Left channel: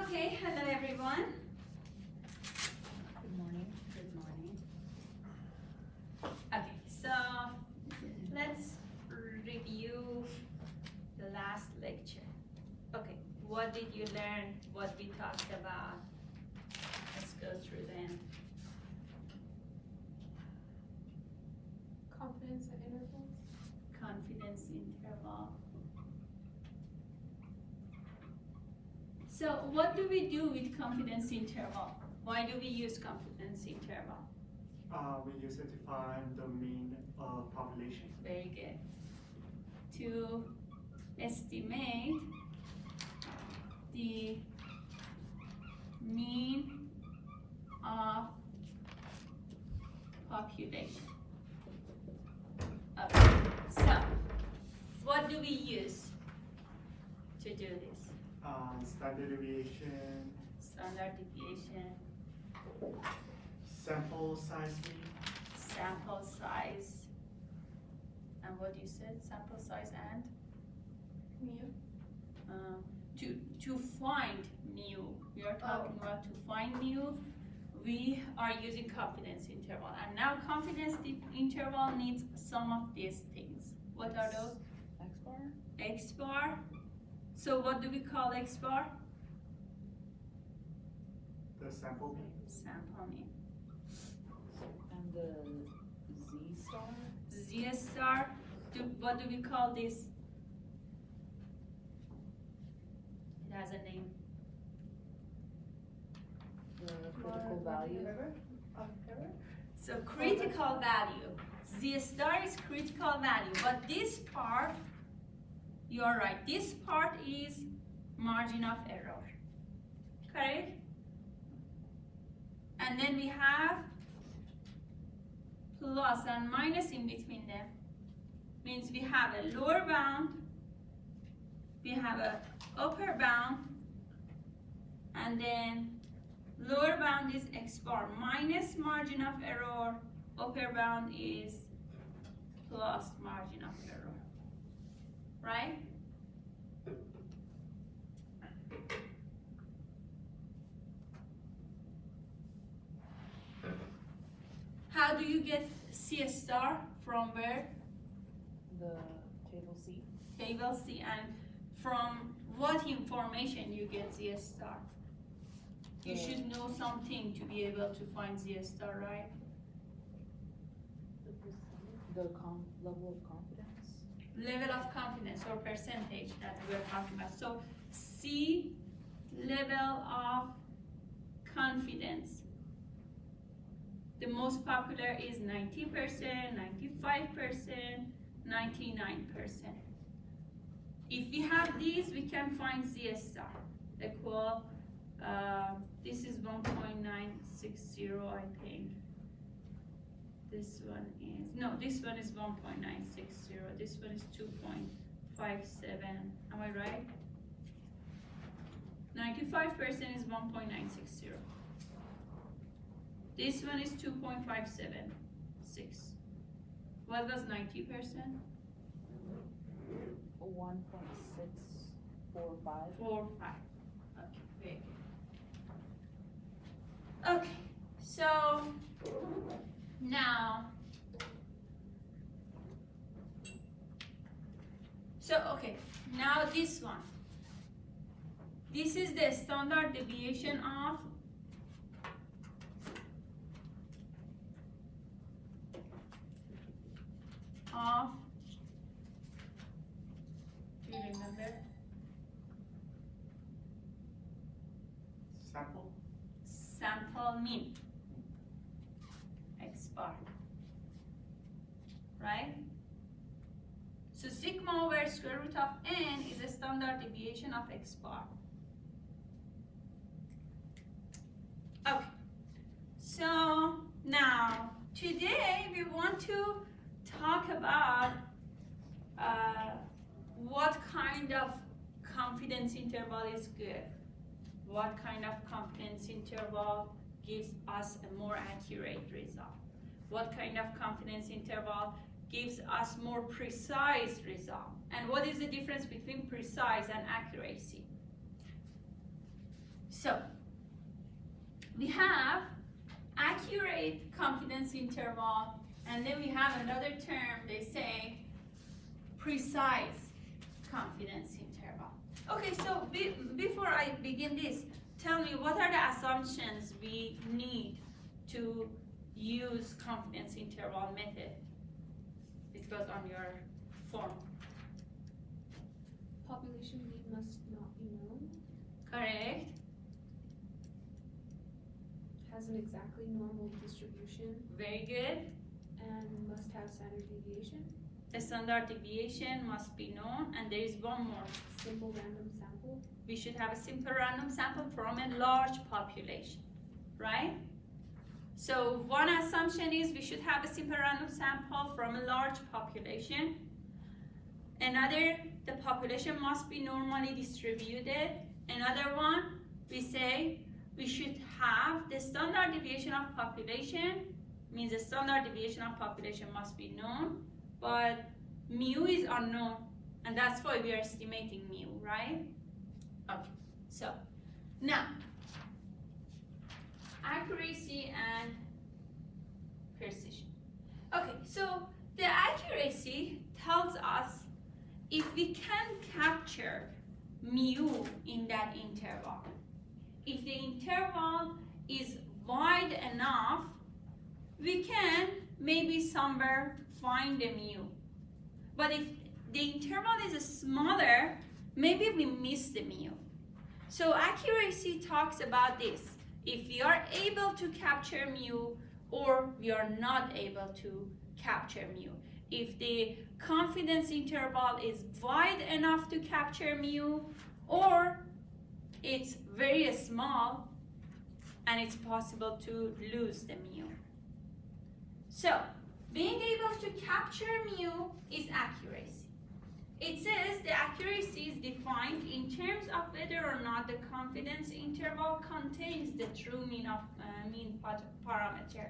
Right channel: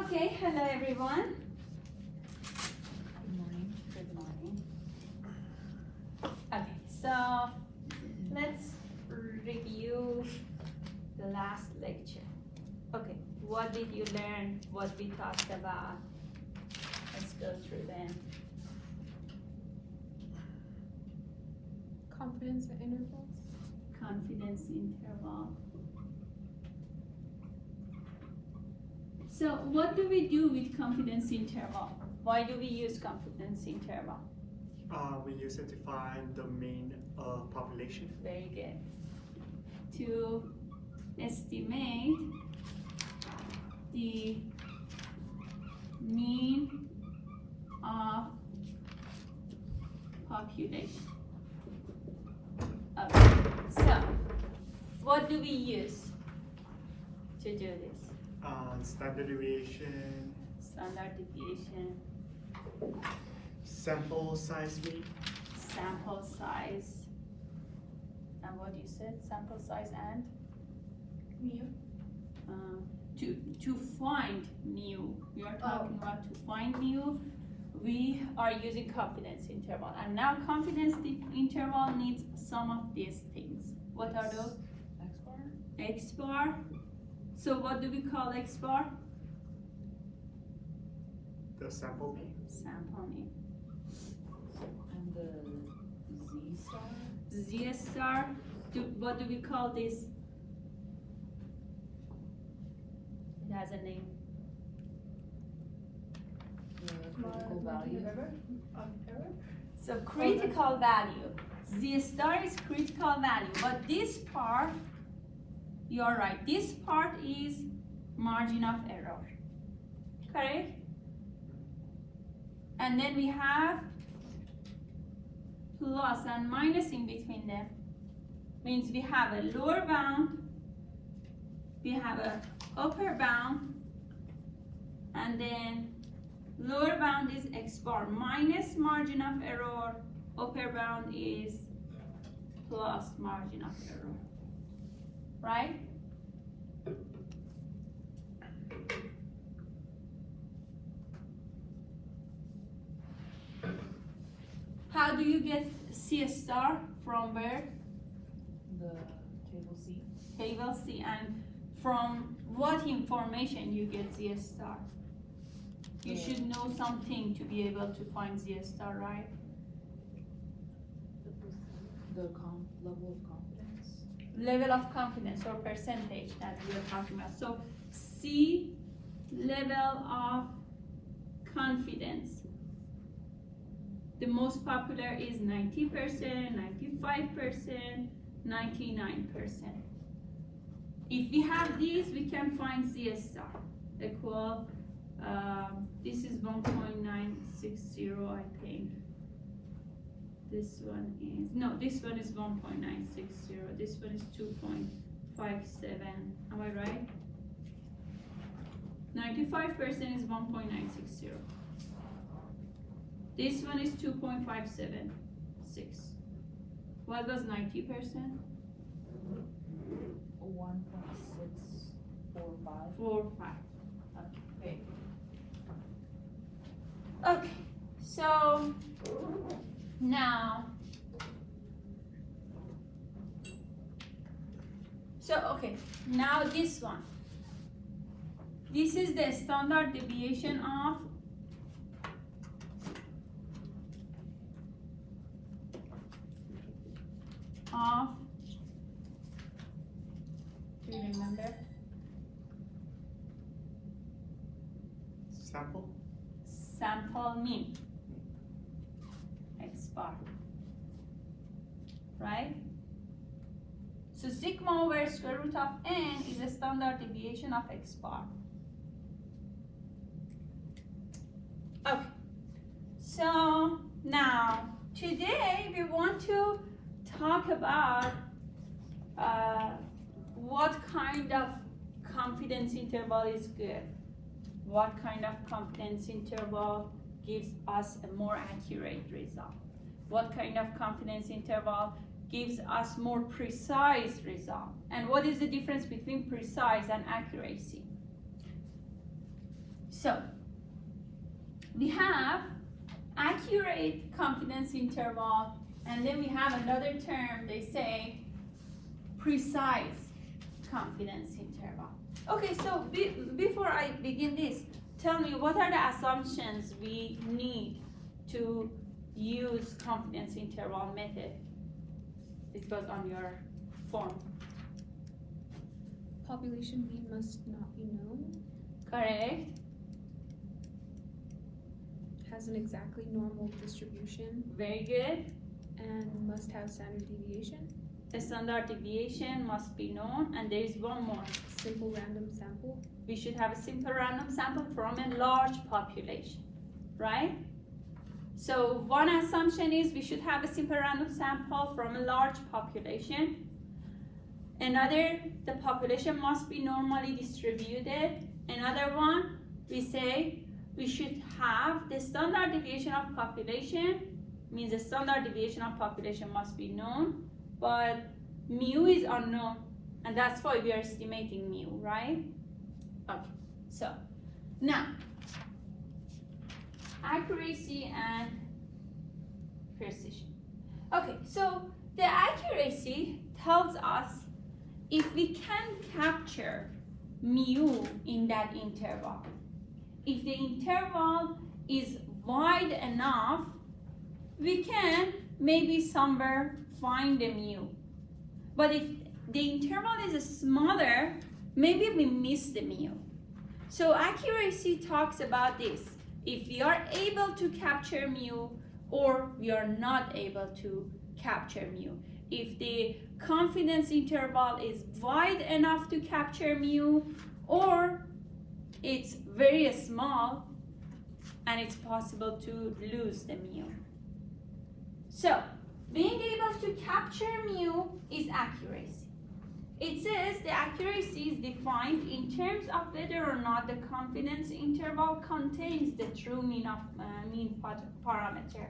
Okay, hello everyone. Good morning. Okay, so let's review the last lecture. Okay, what did you learn? What we talked about? Let's go through them. Confidence intervals. Confidence interval. So what do we do with confidence interval? Why do we use confidence interval? We use it to find the mean population. Very good. To estimate the mean of population. Okay, so what do we use to do this? Standard deviation, Standard deviation, sample size mean, sample size, and what you said, sample size and? Mu. To find mu, we are talking about to find mu, we are using confidence interval. And now confidence interval needs some of these things. What are those? X bar. X bar. So what do we call X bar? the sample mean, Sample mean. And the Z star. Z star. What do we call this? It has a name. The critical value. So critical value. Z star is critical value, but this part, you're right, this part is margin of error. Correct? And then we have plus and minus in between them. Means we have a lower bound, we have a upper bound, and then lower bound is X bar minus margin of error, upper bound is plus margin of error, right? How do you get C star from where? The table C. Table C, and from what information you get Z star? You should know something to be able to find Z star, right? The level of confidence. Level of confidence or percentage that we are talking about. So C level of confidence. The most popular is 90%, 95%, 99%. If we have these, we can find Z star equal, this is 1.960, I think. This one is, no, this one is 1.960, this one is 2.57, am I right? 95% is 1.960. This one is 2.576. What was 90%? 1.645. 4.5. Okay. Okay, so now, okay, now this one. This is the standard deviation of do you remember? sample, Sample mean, X bar, right? So sigma over square root of n is a standard deviation of X bar. Okay, so now today we want to talk about what kind of confidence interval is good. What kind of confidence interval gives us a more accurate result? What kind of confidence interval gives us more precise result? And what is the difference between precise and accuracy? So we have accurate confidence interval, and then we have another term, they say precise confidence interval. Okay, so before I begin this, tell me, what are the assumptions we need to use confidence interval method? It was on your form. Population P must not be known. Correct. Has an exactly normal distribution Very good. and must have standard deviation. The standard deviation must be known, and there is one more. Simple random sample. We should have a simple random sample from a large population, right? So one assumption is we should have a simple random sample from a large population. Another, the population must be normally distributed. Another one, we say we should have the standard deviation of population, means the standard deviation of population must be known, but mu is unknown, and that's why we are estimating mu, right? Okay, so now accuracy and precision. Okay, so the accuracy tells us if we can capture mu in that interval. If the interval is wide enough, we can maybe somewhere find the mu. But if the interval is smaller, maybe we miss the mu. So accuracy talks about this. If we are able to capture mu or we are not able to capture mu. If the confidence interval is wide enough to capture mu, or it's very small and it's possible to lose the mu. So being able to capture mu is accuracy. It says the accuracy is defined in terms of whether or not the confidence interval contains the true mean parameter.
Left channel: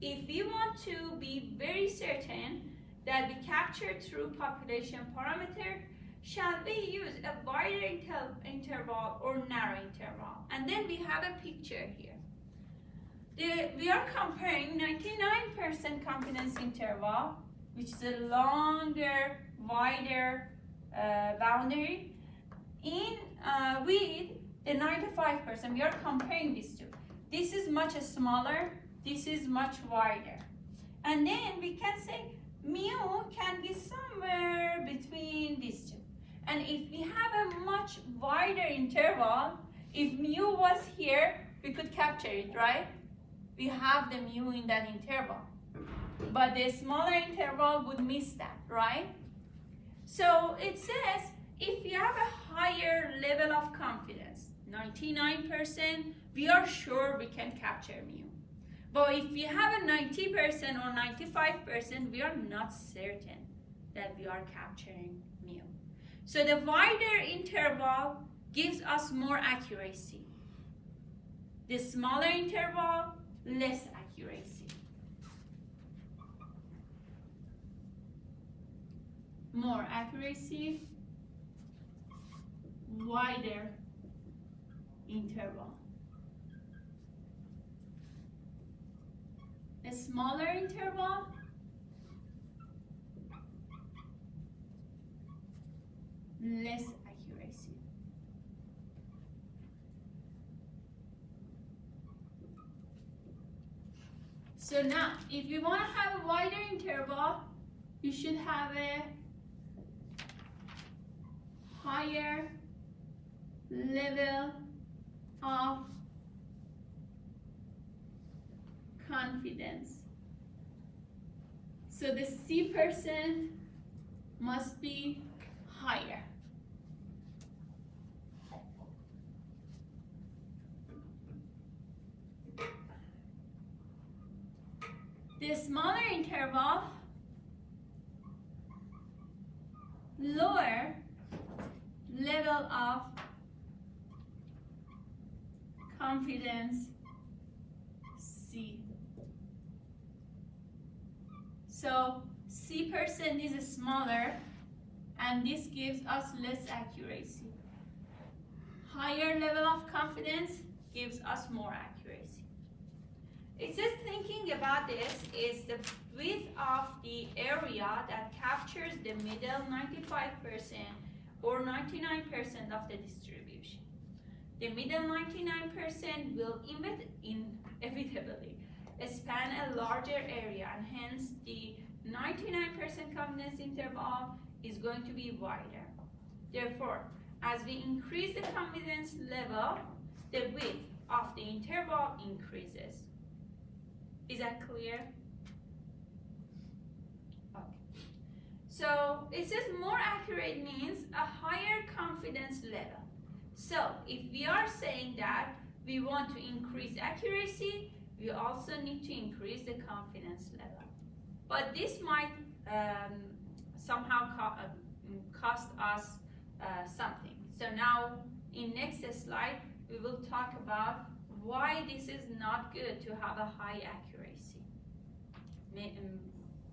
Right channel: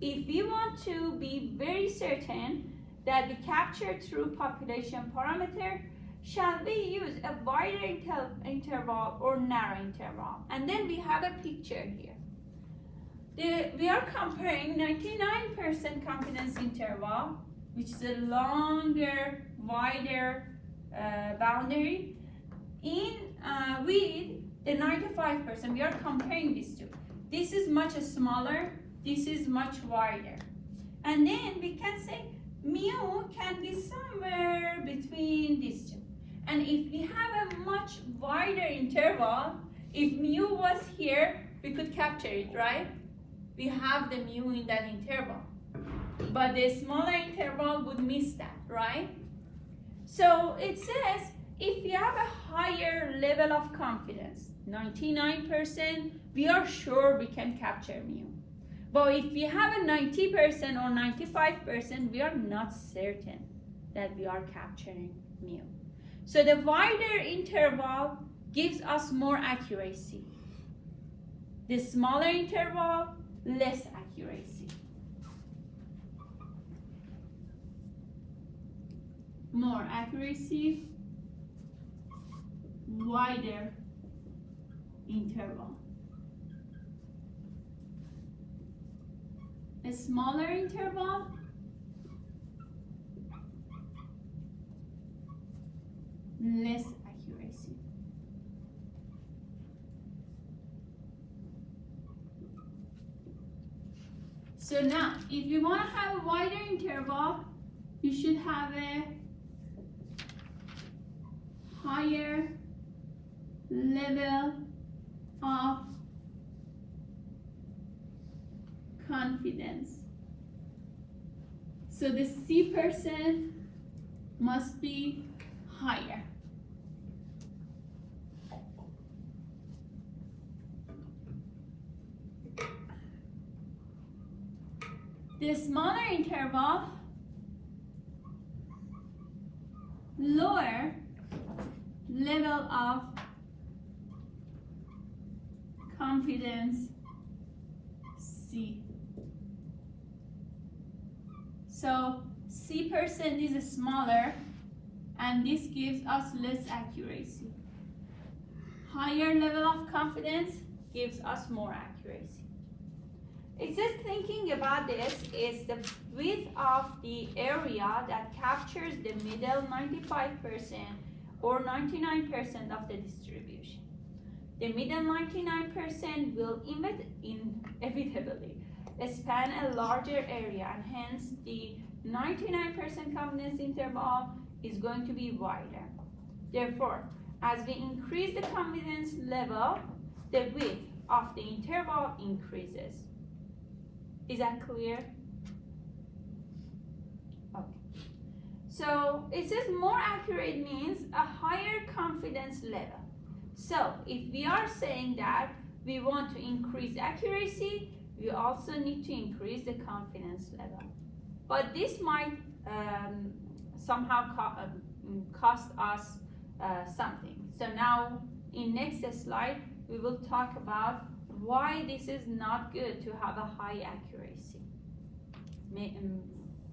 If we want to be very certain that we capture true population parameter, shall we use a wider interval or narrow interval? And then we have a picture here. We are comparing 99% confidence interval, which is a longer, wider boundary, with the 95%. We are comparing these two. This is much smaller, this is much wider. And then we can say mu can be somewhere between these two. And if we have a much wider interval, if mu was here, we could capture it, right? We have the mu in that interval. But the smaller interval would miss that, right? So it says if we have a higher level of confidence, 99%, we are sure we can capture mu. But if we have a 90% or 95%, we are not certain that we are capturing mu. So the wider interval gives us more accuracy. The smaller interval, less accuracy. More accuracy, wider interval. A smaller interval, less accuracy. So now, if you want to have a wider interval, you should have a higher level of confidence. So the C% must be higher. The smaller interval, lower level of confidence, C. So C% is smaller, and this gives us less accuracy. higher level of confidence gives us more accuracy. It says thinking about this is the width of the area that captures the middle 95% or 99% of the distribution. The middle 99% will inevitably span a larger area, and hence the 99% confidence interval is going to be wider. Therefore, as we increase the confidence level, the width of the interval increases. Is that clear? Okay. So it says more accurate means a higher confidence level. So if we are saying that we want to increase accuracy, we also need to increase the confidence level. But this might somehow cost us something. So now in next slide, we will talk about why this is not good to have a high accuracy.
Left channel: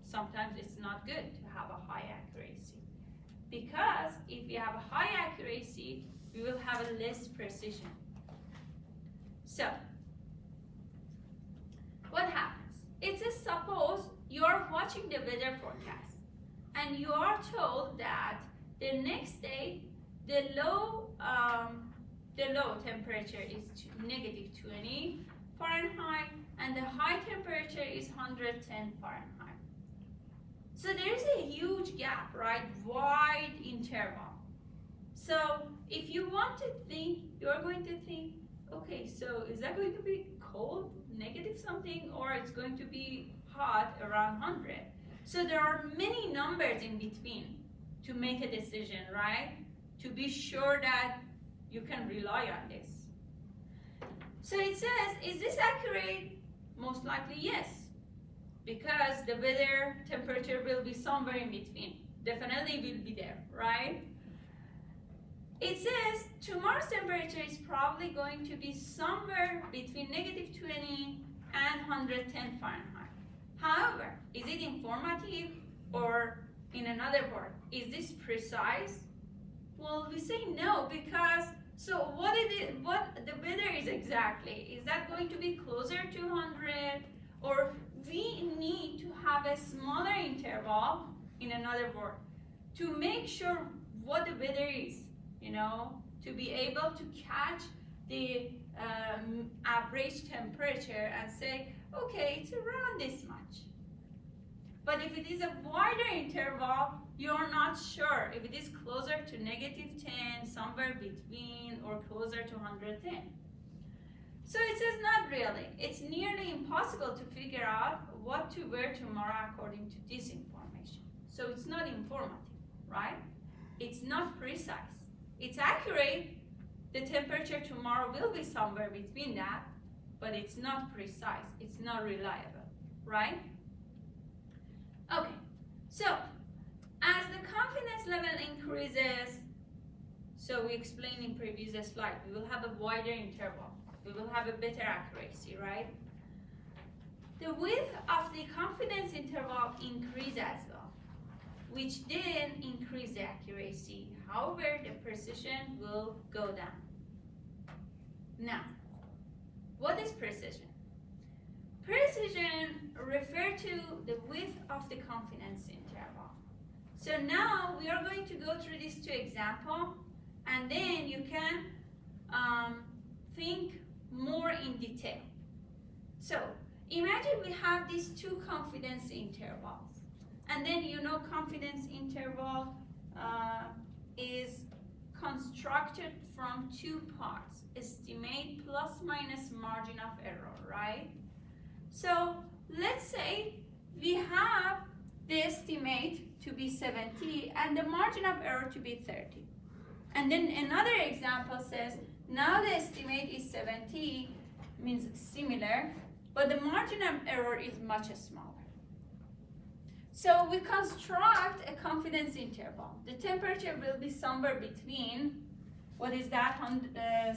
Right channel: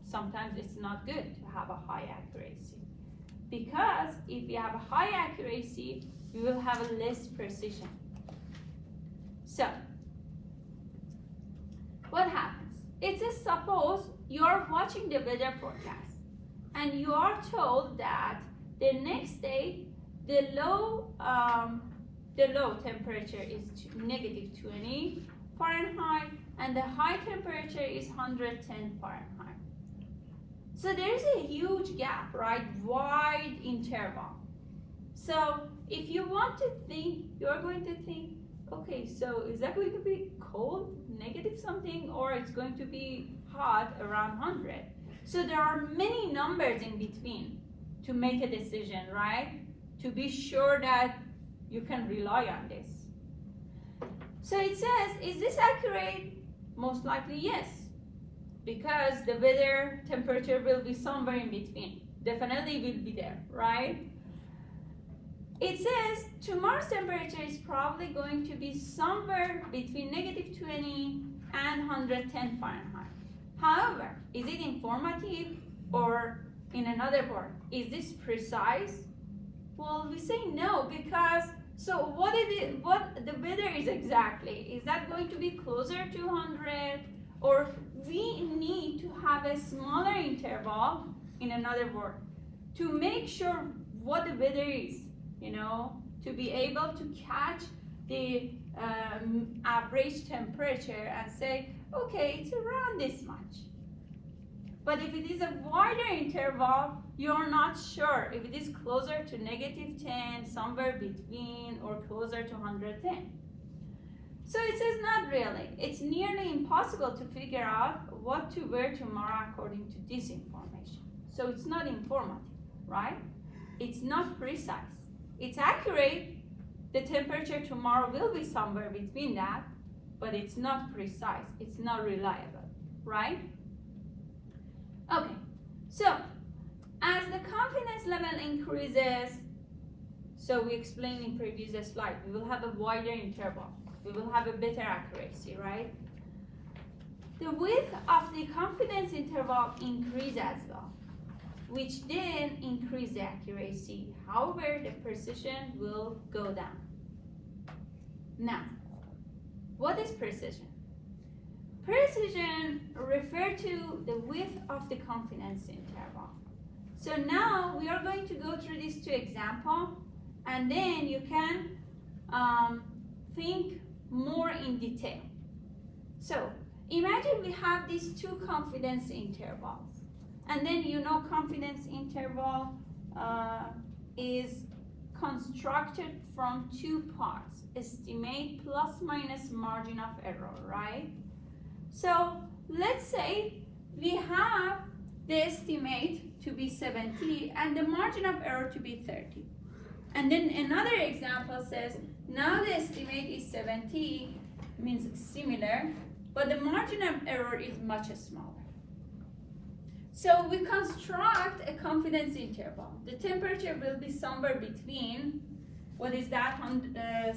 Sometimes it's not good to have a high accuracy, because if you have a high accuracy, we will have a less precision. So what happens? It says suppose you are watching the weather forecast and you are told that the next day the low temperature is negative 20 Fahrenheit and the high temperature is 110 Fahrenheit. So there is a huge gap, right? Wide interval. So if you want to think, you're going to think, okay, so is that going to be cold, negative something, or it's going to be hot around 100? So there are many numbers in between to make a decision, right? To be sure that you can rely on this. So it says, is this accurate? Most likely yes, because the weather temperature will be somewhere in between. Definitely will be there, right? It says tomorrow's temperature is probably going to be somewhere between negative 20 and 110 Fahrenheit. However, is it informative, or in another word, is this precise? Well, we say no, because so what the weather is exactly? Is that going to be closer to 100, or we need to have a smaller interval, in another word, to make sure what the weather is, you know, to be able to catch the average temperature and say, okay, it's around this much. But if it is a wider interval, you're not sure if it is closer to negative 10, somewhere between, or closer to 110. So it says not really. It's nearly impossible to figure out what to wear tomorrow according to this information. So it's not informative, right? It's not precise. It's accurate. The temperature tomorrow will be somewhere between that, but it's not precise. It's not reliable, right? Okay, so as the confidence level increases, so we explained in previous slide, we will have a wider interval. We will have a better accuracy, right? The width of the confidence interval increases as well, which then increase the accuracy. However, the precision will go down. Now, what is precision? Precision refers to the width of the confidence interval. So now we are going to go through these two examples, and then you can think more in detail. So imagine we have these two confidence intervals, and then you know confidence interval is constructed from two parts, estimate plus minus margin of error, right? So let's say we have the estimate to be 70 and the margin of error to be 30. And then another example says, now the estimate is 70, means similar, but the margin of error is much smaller. So we construct a confidence interval. The temperature will be somewhere between, what is that,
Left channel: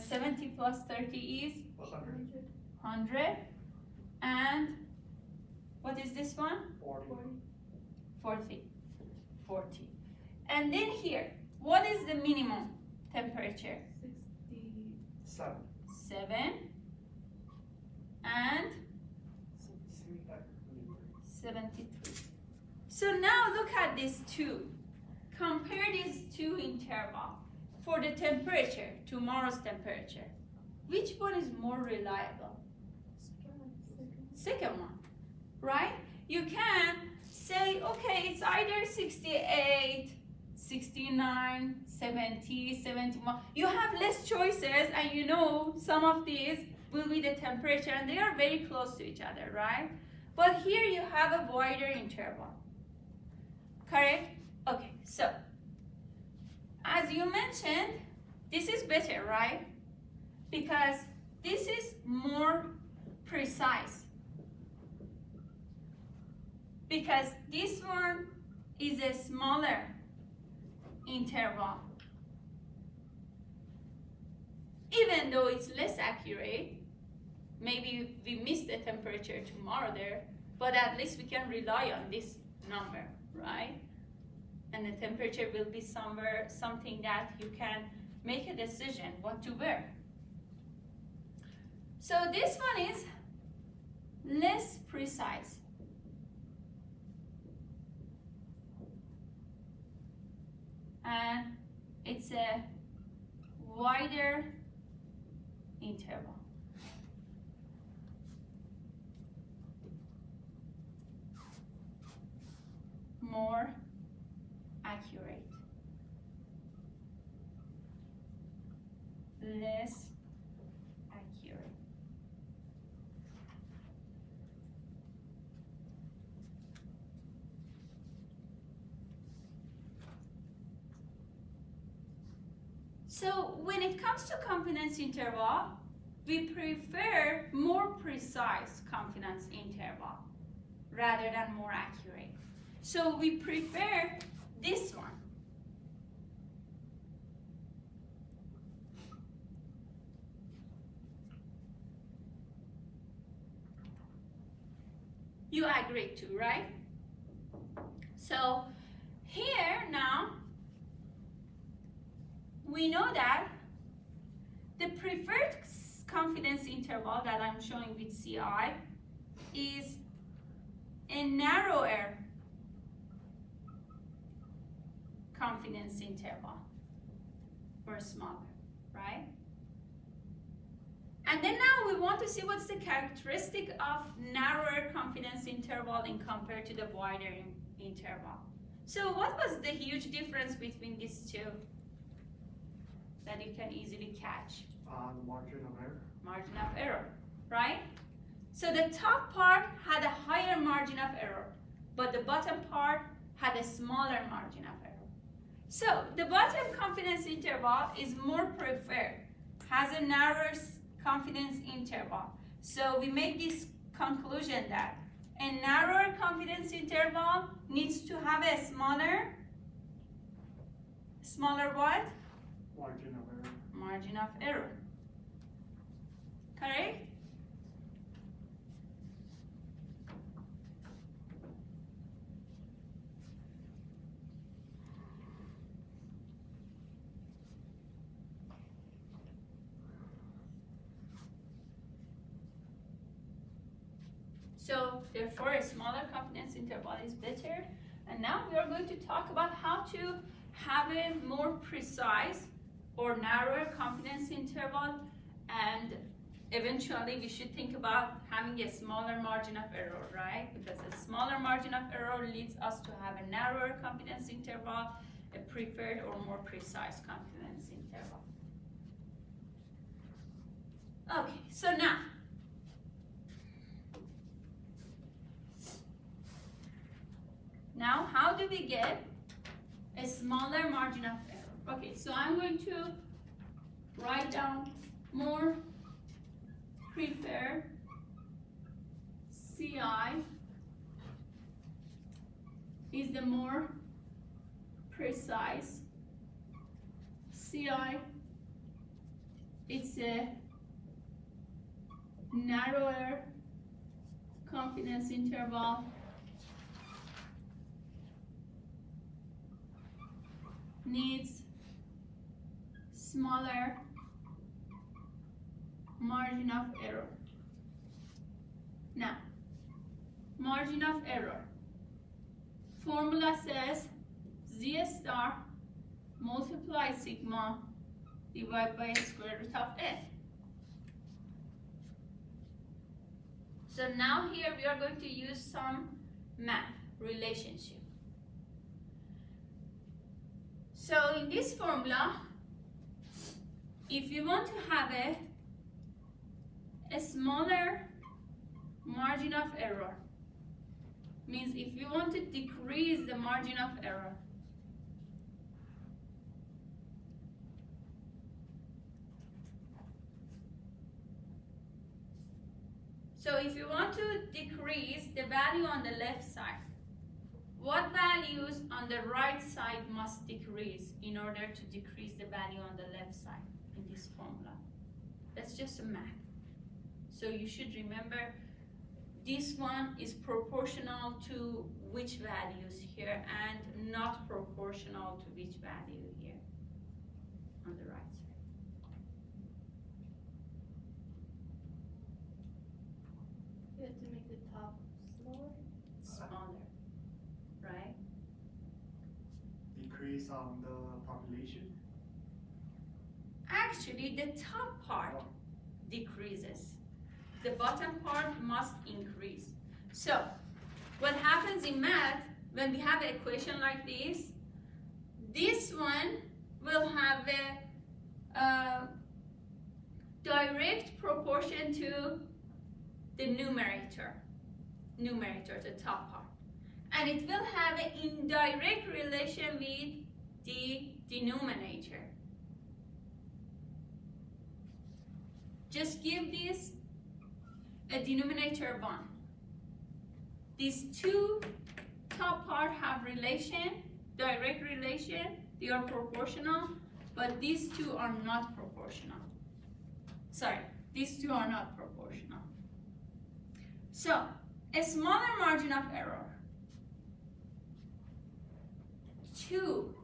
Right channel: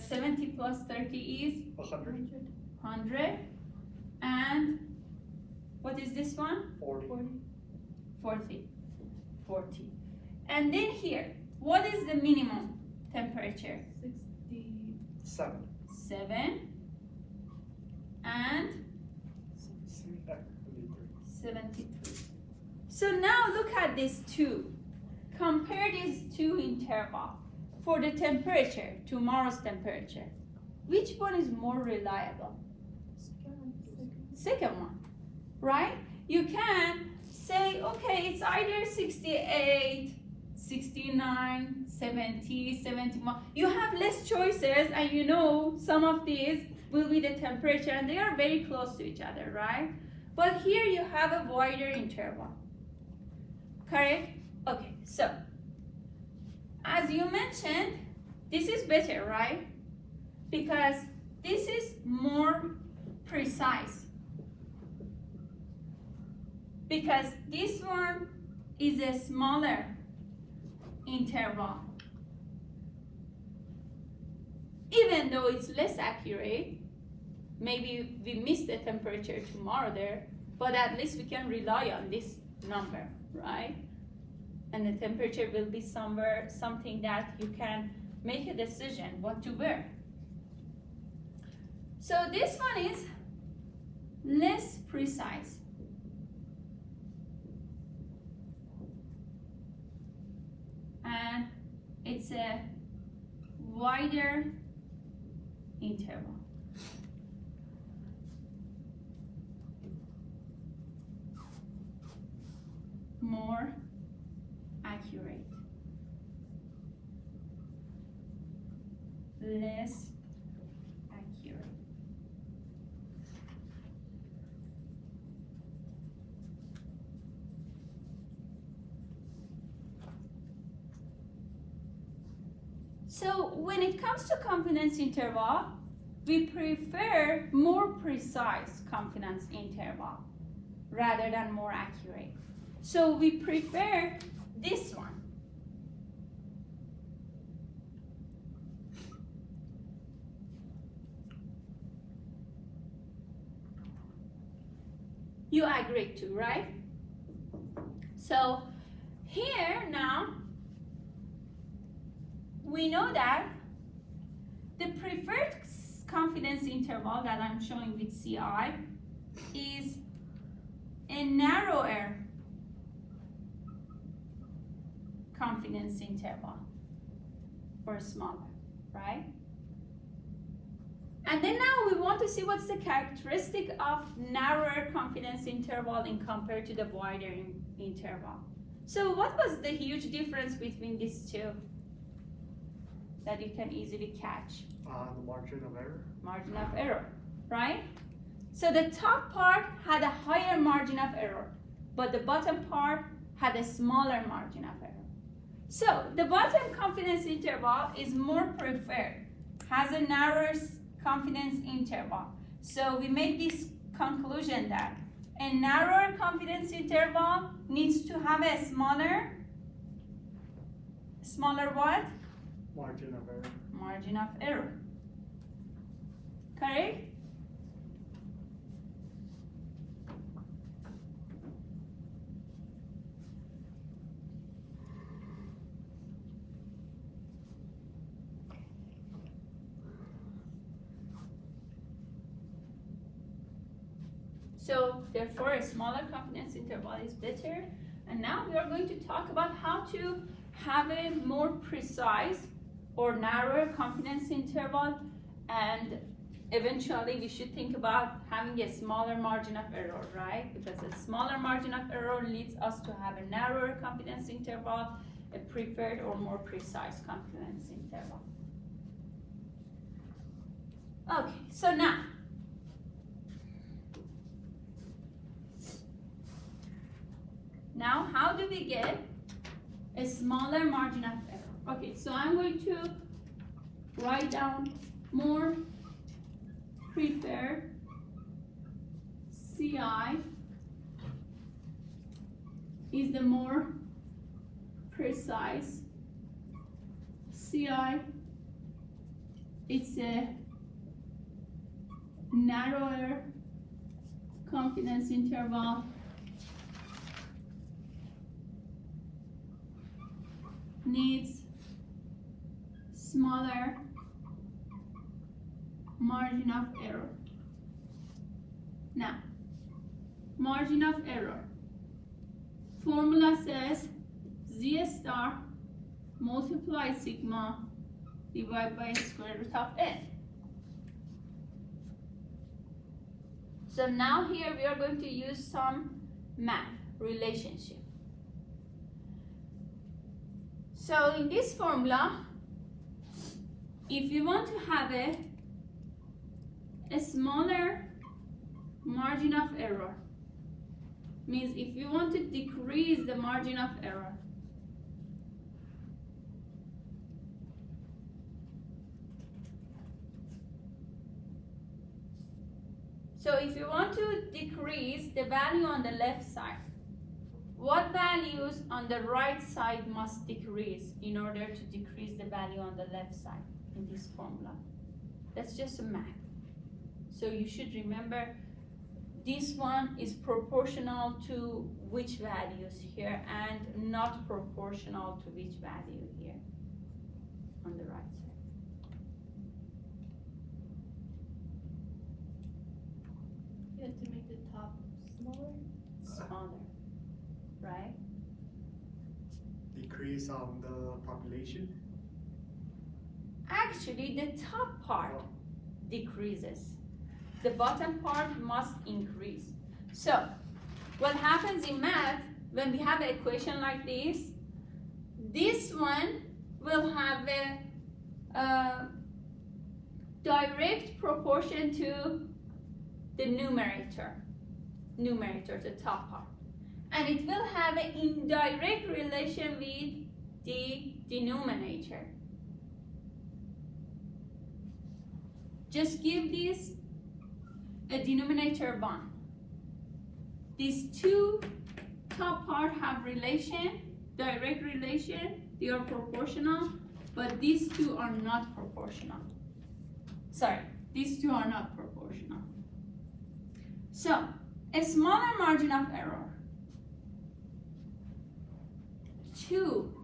70 plus 30 is? 100. 100. And what is this one? 40. And then here, what is the minimum temperature? 60. 7. 7, and 73. So now look at these two. Compare these two intervals for the temperature, tomorrow's temperature. Which one is more reliable? Second one, right? You can say, okay, it's either 68, 69, 70, 71. You have less choices, and you know some of these will be the temperature, and they are very close to each other, right? But here you have a wider interval. Correct? Okay, so as you mentioned, this is better, right? Because this is more precise. Because this one is a smaller interval. Even though it's less accurate, maybe we miss the temperature tomorrow there, but at least we can rely on this number, right? And the temperature will be somewhere, something that you can make a decision what to wear. So this one is less precise. And it's a wider interval. More accurate. Less accurate. So when it comes to confidence interval, we prefer more precise confidence interval rather than more accurate. So we prefer this one. You agree to, right? So here now, we know that the preferred confidence interval that I'm showing with CI is a narrower confidence interval or smaller, right? And then now we want to see what's the characteristic of narrower confidence interval in compared to the wider interval. So what was the huge difference between these two that you can easily catch? The margin of error. Margin of error, right? So the top part had a higher margin of error, but the bottom part had a smaller margin of error. So the bottom confidence interval is more preferred, has a narrower confidence interval. So we make this conclusion that a narrower confidence interval needs to have a smaller what? Margin of error. Margin of error. Correct? So therefore a smaller confidence interval is better. And now we are going to talk about how to have a more precise or narrower confidence interval, and eventually we should think about having a smaller margin of error, right? Because a smaller margin of error leads us to have a narrower confidence interval, a preferred or more precise confidence interval. Okay, so now how do we get a smaller margin of error? Okay, so I'm going to write down more preferred CI is the more precise CI. It's a narrower confidence interval, needs smaller margin of error. Now, margin of error. Formula says Z star multiply sigma divided by square root of N. So now here we are going to use some math relationship. So in this formula, if you want to have a smaller margin of error, means if you want to decrease the margin of error, so if you want to decrease the value on the left side, what values on the right side must decrease in order to decrease the value on the left side in this formula? That's just a math. So you should remember this one is proportional to which values here and not proportional to which value here on the right side. You have to make the top smaller. Smaller, right? Decrease on the population. Actually, the top part decreases. The bottom part must increase. So, what happens in math, when we have an equation like this one will have a direct proportion to the numerator, the top part. And it will have an indirect relation with the denominator. Just give this a denominator 1. These two top part have relation, direct relation, they are proportional, but these two are not proportional. Sorry, these two are not proportional. So, a smaller margin of error. To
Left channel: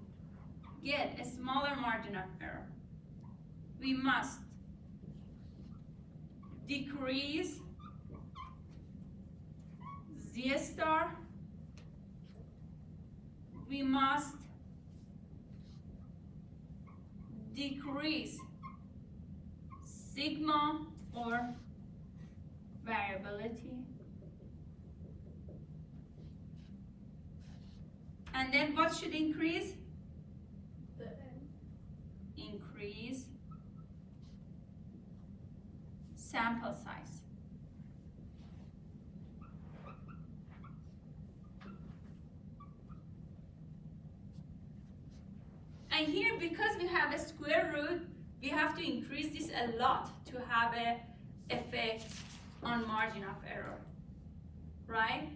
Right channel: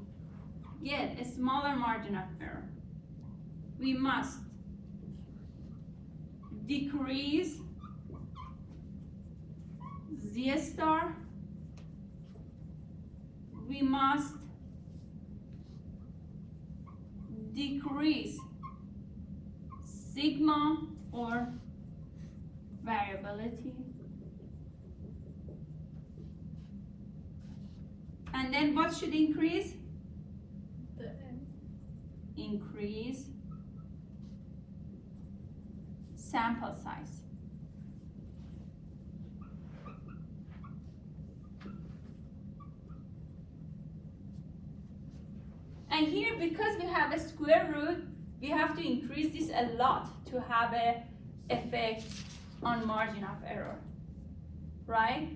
get a smaller margin of error, we must decrease Z star, we must decrease sigma or variability, and then what should increase? The N. Increase sample size. And here, because we have a square root, we have to increase this a lot to have an effect on margin of error, right?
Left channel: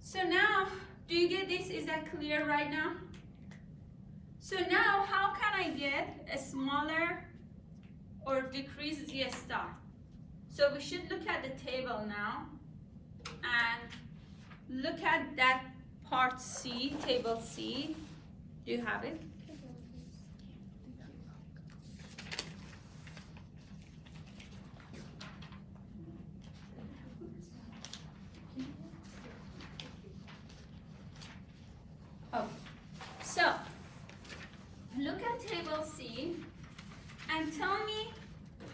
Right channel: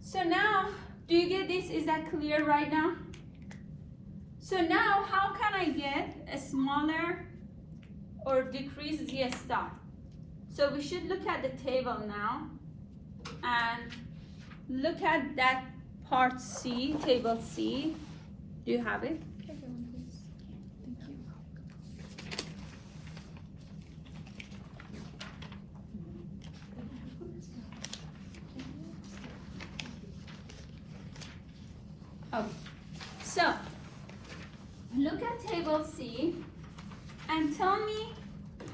So now, do you get this? Is that clear right now? So now, how can I get a smaller or decrease Z star? So we should look at the table now and look at that part C, table C. Do you have it? So, look at table C and tell me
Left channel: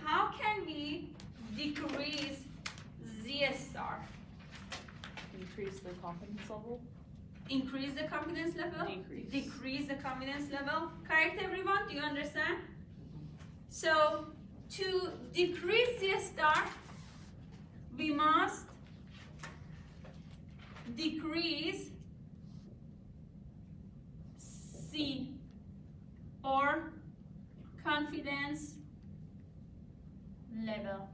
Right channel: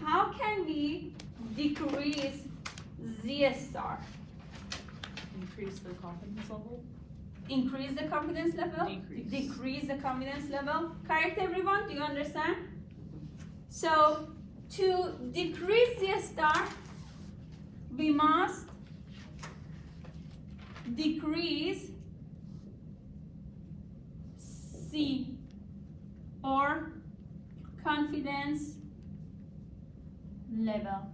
how can we decrease Z star? Increase the confidence level. Increase the confidence level? Decrease. Decrease the confidence level? Correct, everyone? Do you understand? So, to decrease Z star, we must decrease C or confidence level.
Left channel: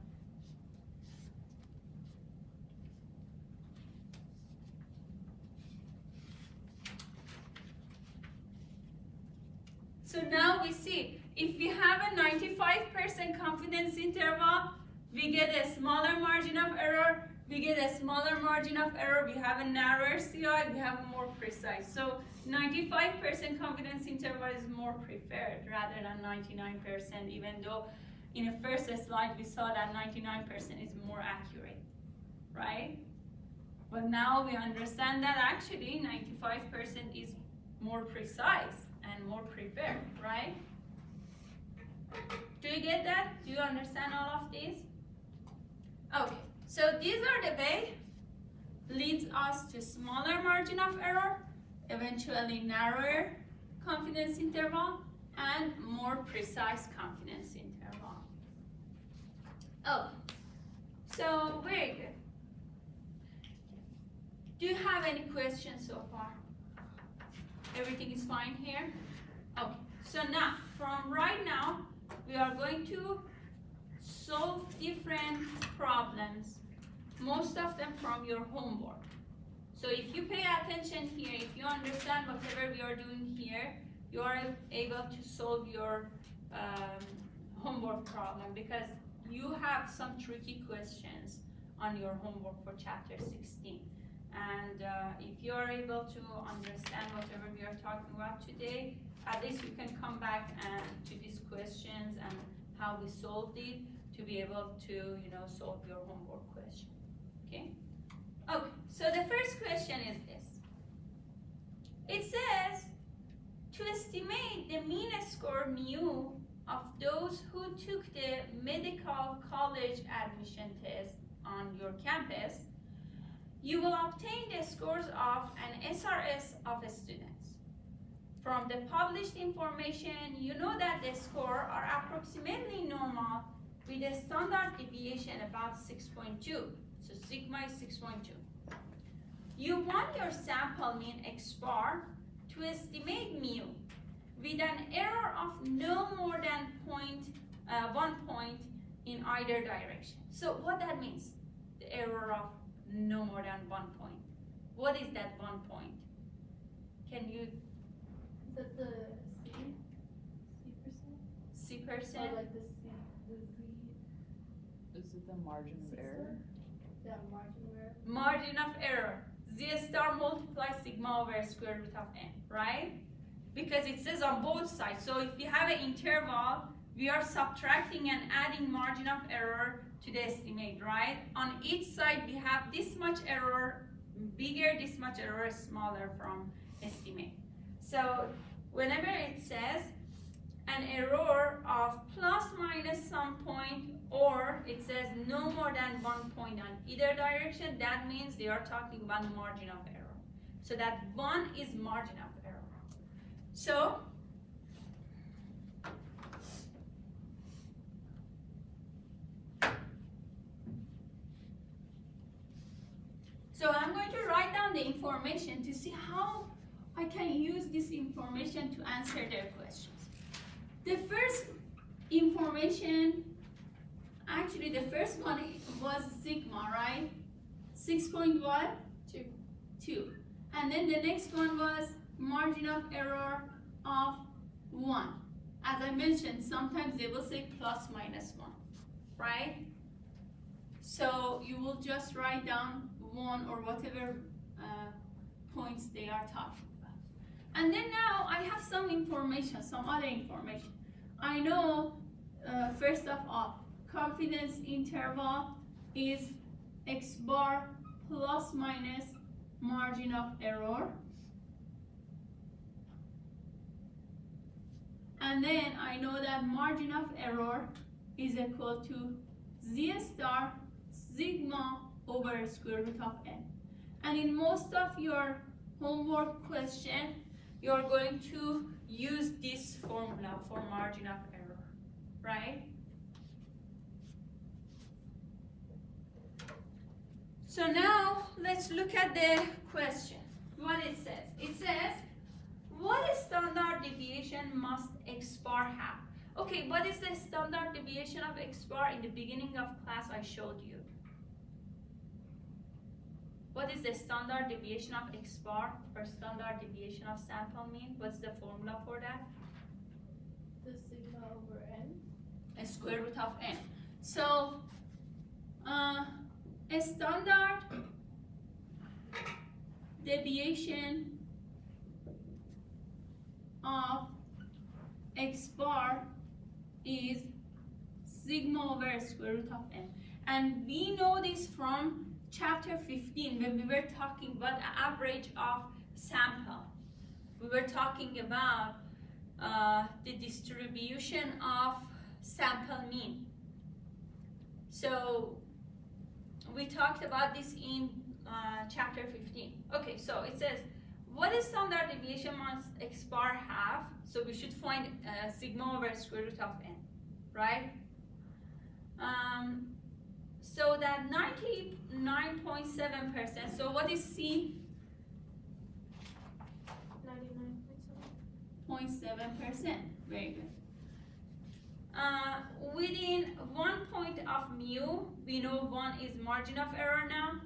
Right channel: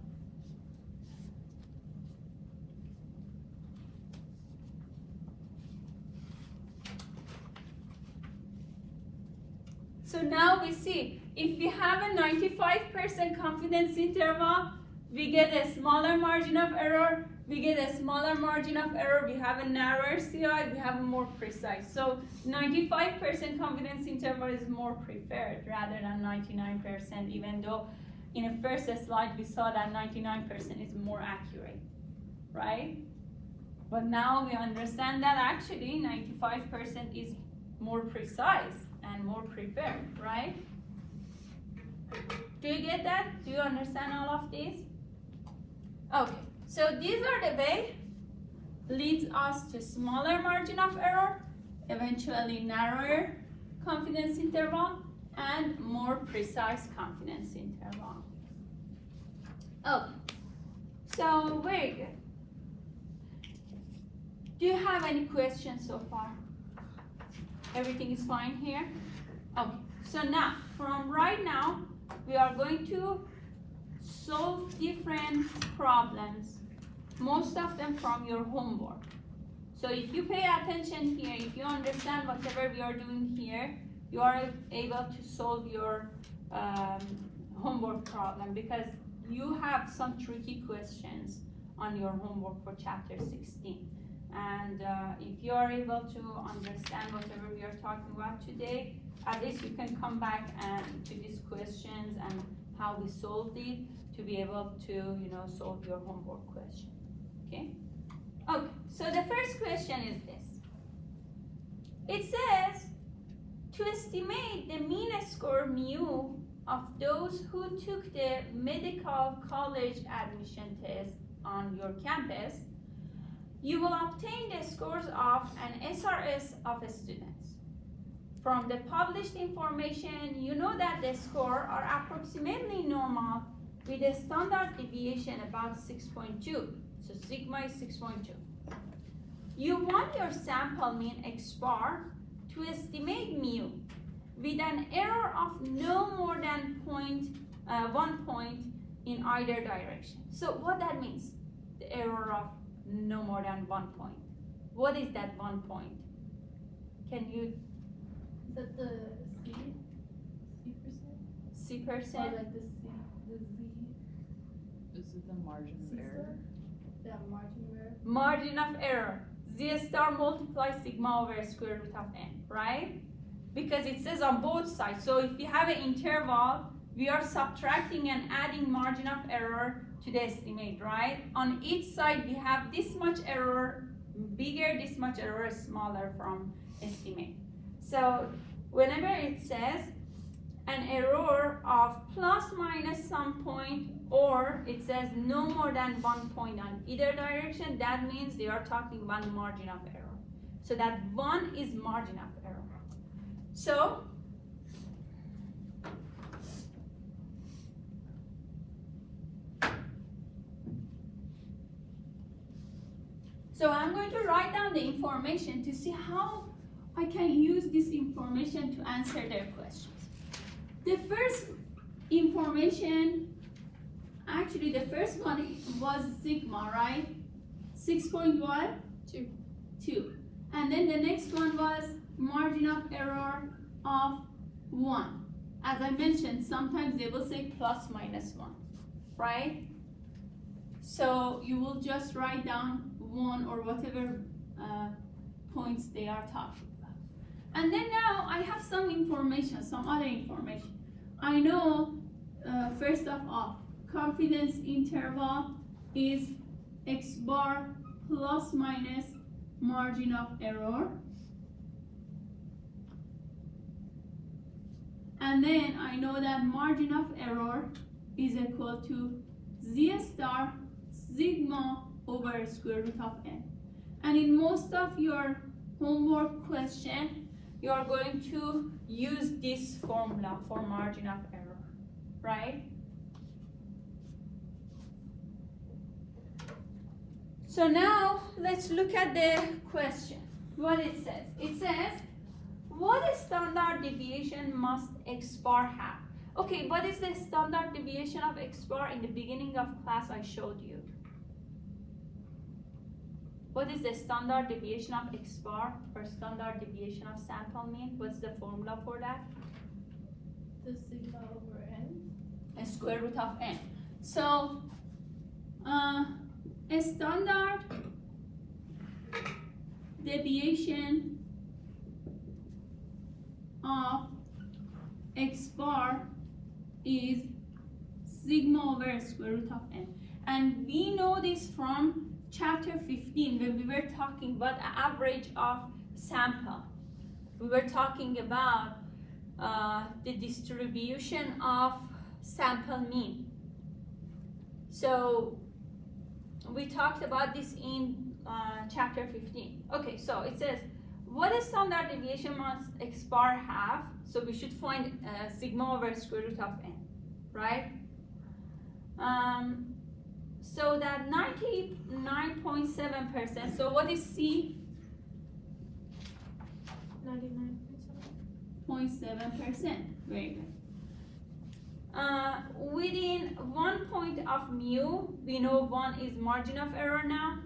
So now we see, if we have a 95% confidence interval, we get a smaller margin of error, we get a smaller margin of error, we have a narrower CI, we have a more precise. So 95% confidence interval is more preferred rather than 99%, even though in the first slide we saw that 99% is more accurate, right? But now we understand that actually 95% is more precise and more preferred, right? Do you get that? Do you understand all of this? Okay, so these are the way leads us to smaller margin of error, eventually narrower confidence interval, and more precise confidence interval. Okay, so very good. Do you have any questions so far? Everything is fine here? Okay, so now, from right now, we are going to solve different problems, most of them from your homework. So if you pay attention here, if you understand whatever we are doing here, you are able to solve your homework problem, because you have some tricky questions on your homework for chapter 16. And if you are able to understand whatever we are talking about today, at least you can come back and to these questions and how we solved it to be able to, solve your homework question. Okay? Okay, so the first question is this. It says, to estimate the mean score mu of those who took the medical college admission test on your campus, you will obtain the scores of an SRS of students. From the published information, you know that the scores are approximately normal with a standard deviation about 6.2. So sigma is 6.2. You want your sample mean X bar to estimate mu with an error of no more than 1 point in either direction. So what that means, the error of no more than 1 point. What is that 1 point? Can you? Is that the C percent? C percent? Or like the Z? Is it the margin of error? That margin of error? Margin of error. Z star multiplies sigma over square root of n, right? Because it says on both sides. So if you have an interval, we are subtracting and adding margin of error to the estimate, right? On each side, we have this much error, bigger, this much error, smaller from estimate. So whenever it says an error of plus minus some point, or it says no more than 1 point on either direction, that means they are talking about margin of error. So that 1 is margin of error. So I'm going to write down the information to see how I can use this information to answer their questions. The first information, actually the first one was sigma, right? 6.1? 2. And then the next one was margin of error of 1. As I mentioned, sometimes they will say plus minus 1, right? So you will just write down 1 or whatever points they are talking about. And then now I have some information, some other information. I know, first of all, confidence interval is X bar plus minus margin of error. And then I know that margin of error is equal to Z star sigma over square root of n. And in most of your homework question, you are going to use this formula for margin of error, right? So now let's look at the question, what it says. It says, what standard deviation must X bar have? Okay, what is the standard deviation of X bar? In the beginning of class I showed you. What is the standard deviation of X bar or standard deviation of sample mean? What's the formula for that? square root of n. So, a standard deviation of x bar is sigma over square root of n. And we know this from chapter 15 when we were talking about the average of sample. We were talking about the distribution of sample mean. So we talked about this in chapter 15. Okay, so it says, what a standard deviation must x bar have? So we should find sigma over square root of n, right? So that 99.7%, so what is C? 0.7%, very good. Within 1 point of mu, we know 1 is margin of error now,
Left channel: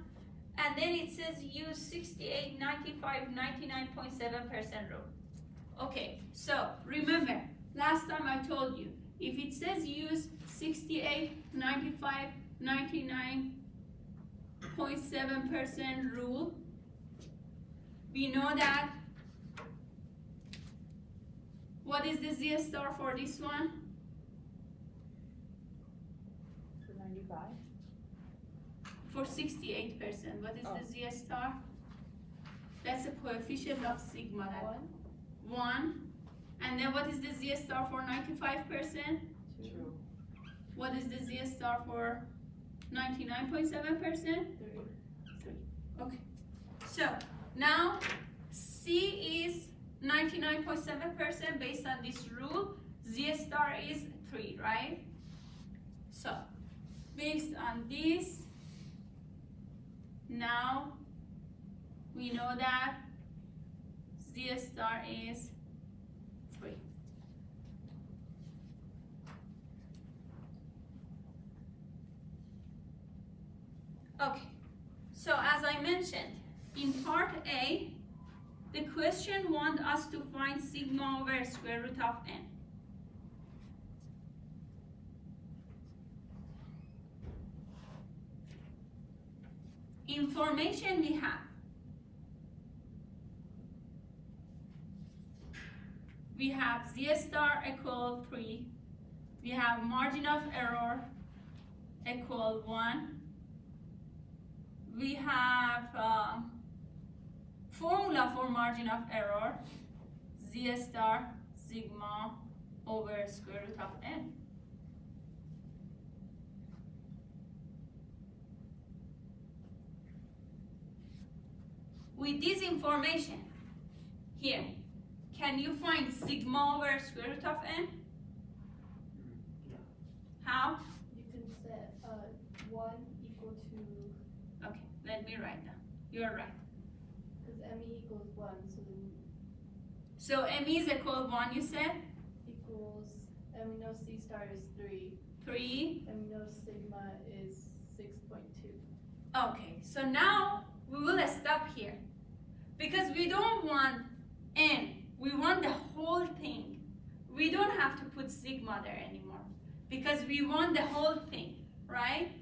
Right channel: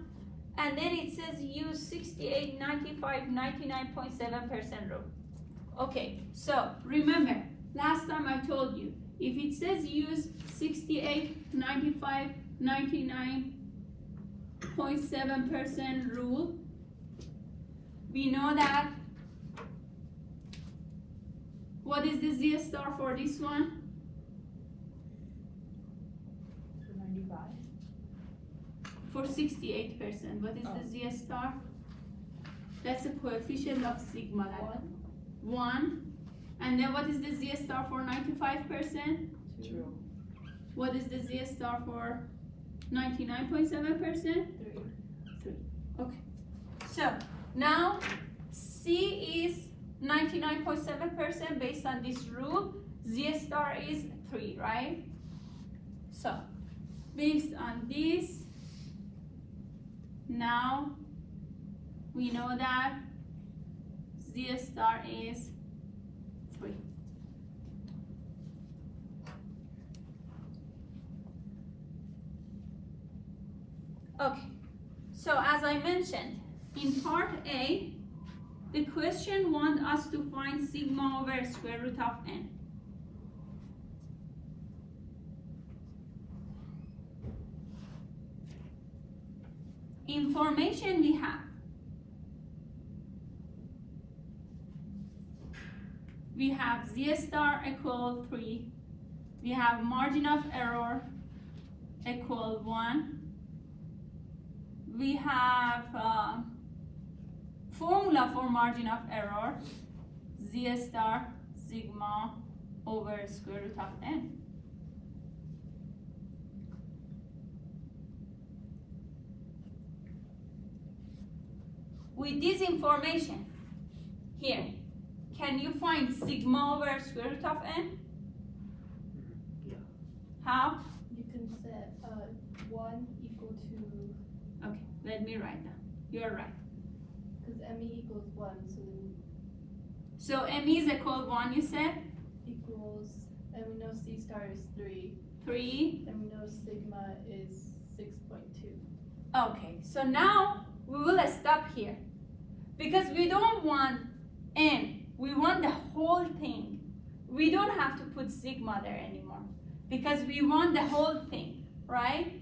and then it says use 68, 95, 99.7% rule. Okay, so remember, last time I told you, if it says use 68, 95, 99.7% rule, we know that, what is the Z star for this one? 95. For 68%, what is the Z star? That's the coefficient of sigma. 1. And then what is the Z star for 95%? 2. What is the Z star for 99.7%? 3. Okay. So now C is 99.7% based on this rule. Z star is 3, right? So based on this, now we know that Z star is 3. Okay, so as I mentioned, in part A, the question wants us to find sigma over square root of n. Information we have. We have Z star equal 3. We have margin of error equal 1. We have formula for margin of error, Z star sigma over square root of n. With this information here, can you find sigma over square root of n? Yeah. How? You can set 1 equal to, Okay, let me write down. You're right. because ME equals 1, so So ME is equal 1, you said? equals, and we know C star is 3, 3. and we know sigma is 6.2. Okay, so now we will stop here. Because we don't want n, we want the whole thing. We don't have to put sigma there anymore. Because we want the whole thing, right?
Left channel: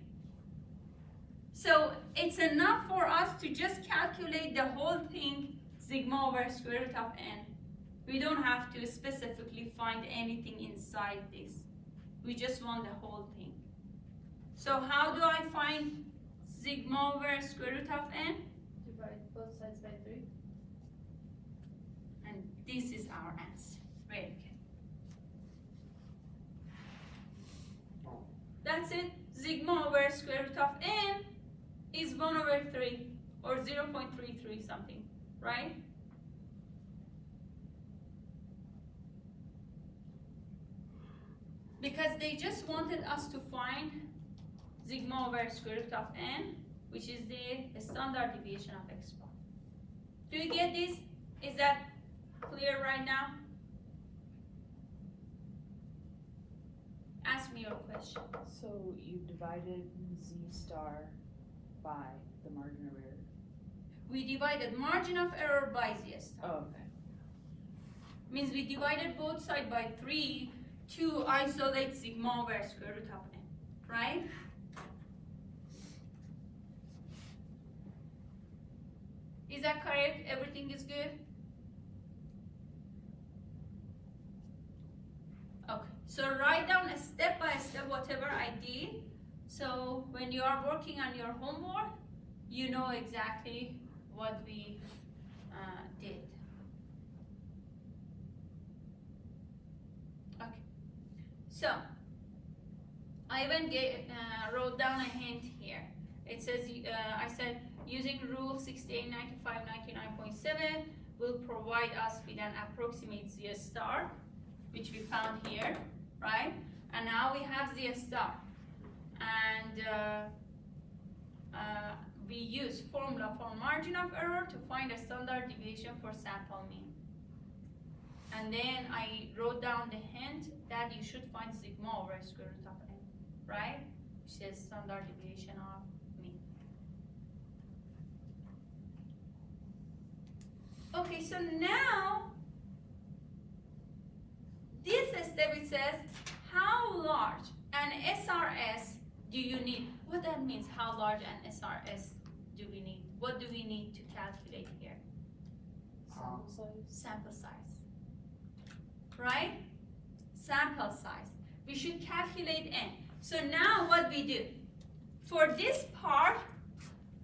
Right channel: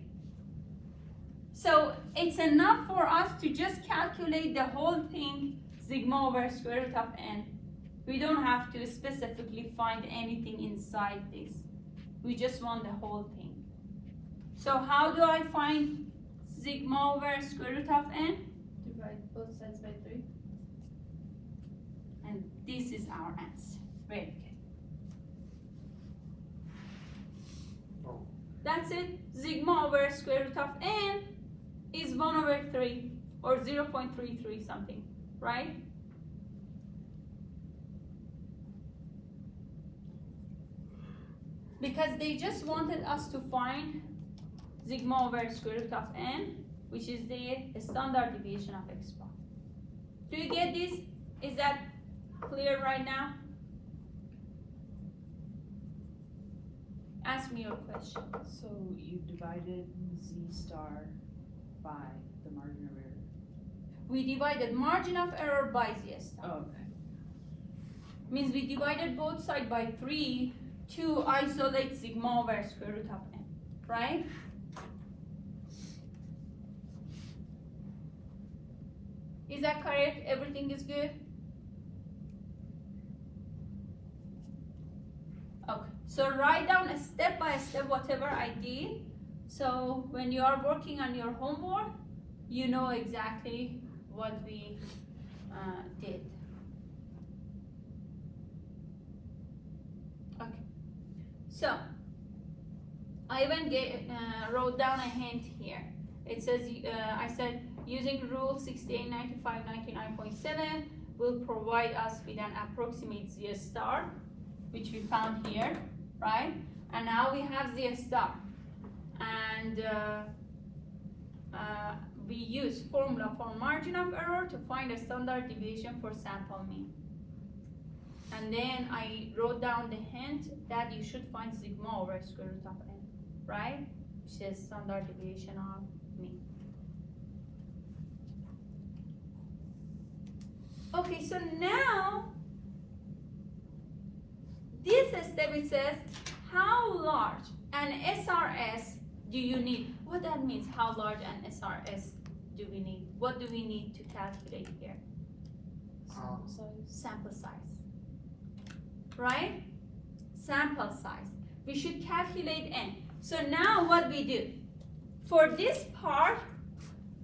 So it's enough for us to just calculate the whole thing, sigma over square root of n. We don't have to specifically find anything inside this. We just want the whole thing. So how do I find sigma over square root of n? Divide both sides by 3. And this is our answer. Very good. Oh. That's it. Sigma over square root of n is 1 over 3 or 0.33 something, right? Because they just wanted us to find sigma over square root of n, which is the standard deviation of x bar. Do you get this? Is that clear right now? Ask me your question. So you divided Z star by the margin of error. We divided margin of error by Z star. Oh, okay. Means we divided both sides by 3 to isolate sigma over square root of n, right? Is that correct? Everything is good? Okay, so write down a step by step whatever I did. So when you are working on your homework, you know exactly what we did. Okay, so I even wrote down a hint here. It says, I said, using rule 689599.7 will provide us with an approximate z star, which we found here, right? And now we have z star. And we use formula for margin of error to find a standard deviation for sample mean. And then I wrote down the hint that you should find sigma over square root of n, right? Which is standard deviation of mean. Okay, so now this step it says how large an SRS do you need? What that means, how large an SRS do we need? What do we need to calculate here? Sample size, right? Sample size. We should calculate n. So now what we do? For this part,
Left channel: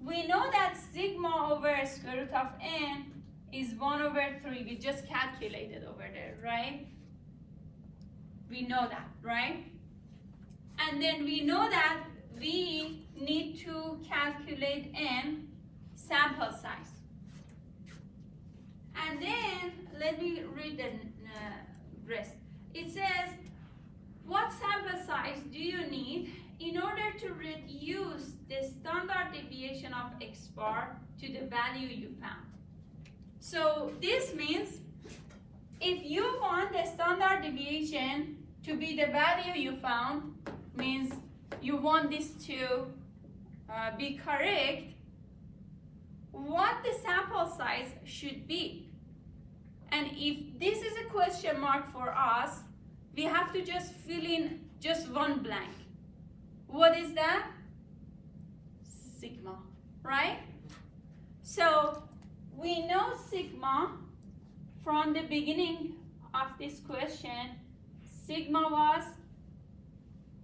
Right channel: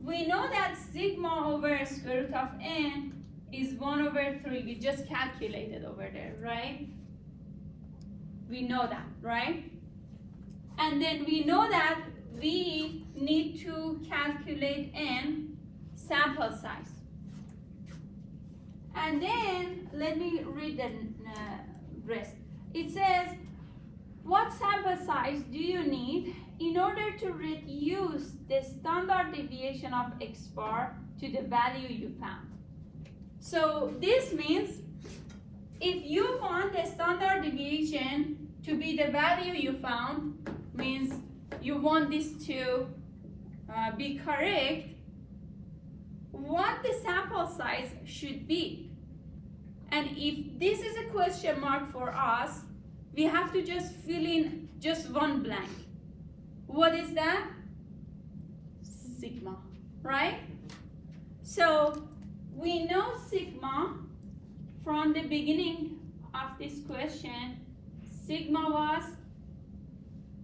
we know that sigma over square root of n is 1 over 3. We just calculated over there, right? We know that, right? And then we know that we need to calculate n, sample size. And then let me read the rest. It says, what sample size do you need in order to reduce the standard deviation of x bar to the value you found? So this means if you want the standard deviation to be the value you found, means you want this to be correct, what the sample size should be. And if this is a question mark for us, we have to just fill in just one blank. What is that? Sigma, right? So we know sigma from the beginning of this question. Sigma was,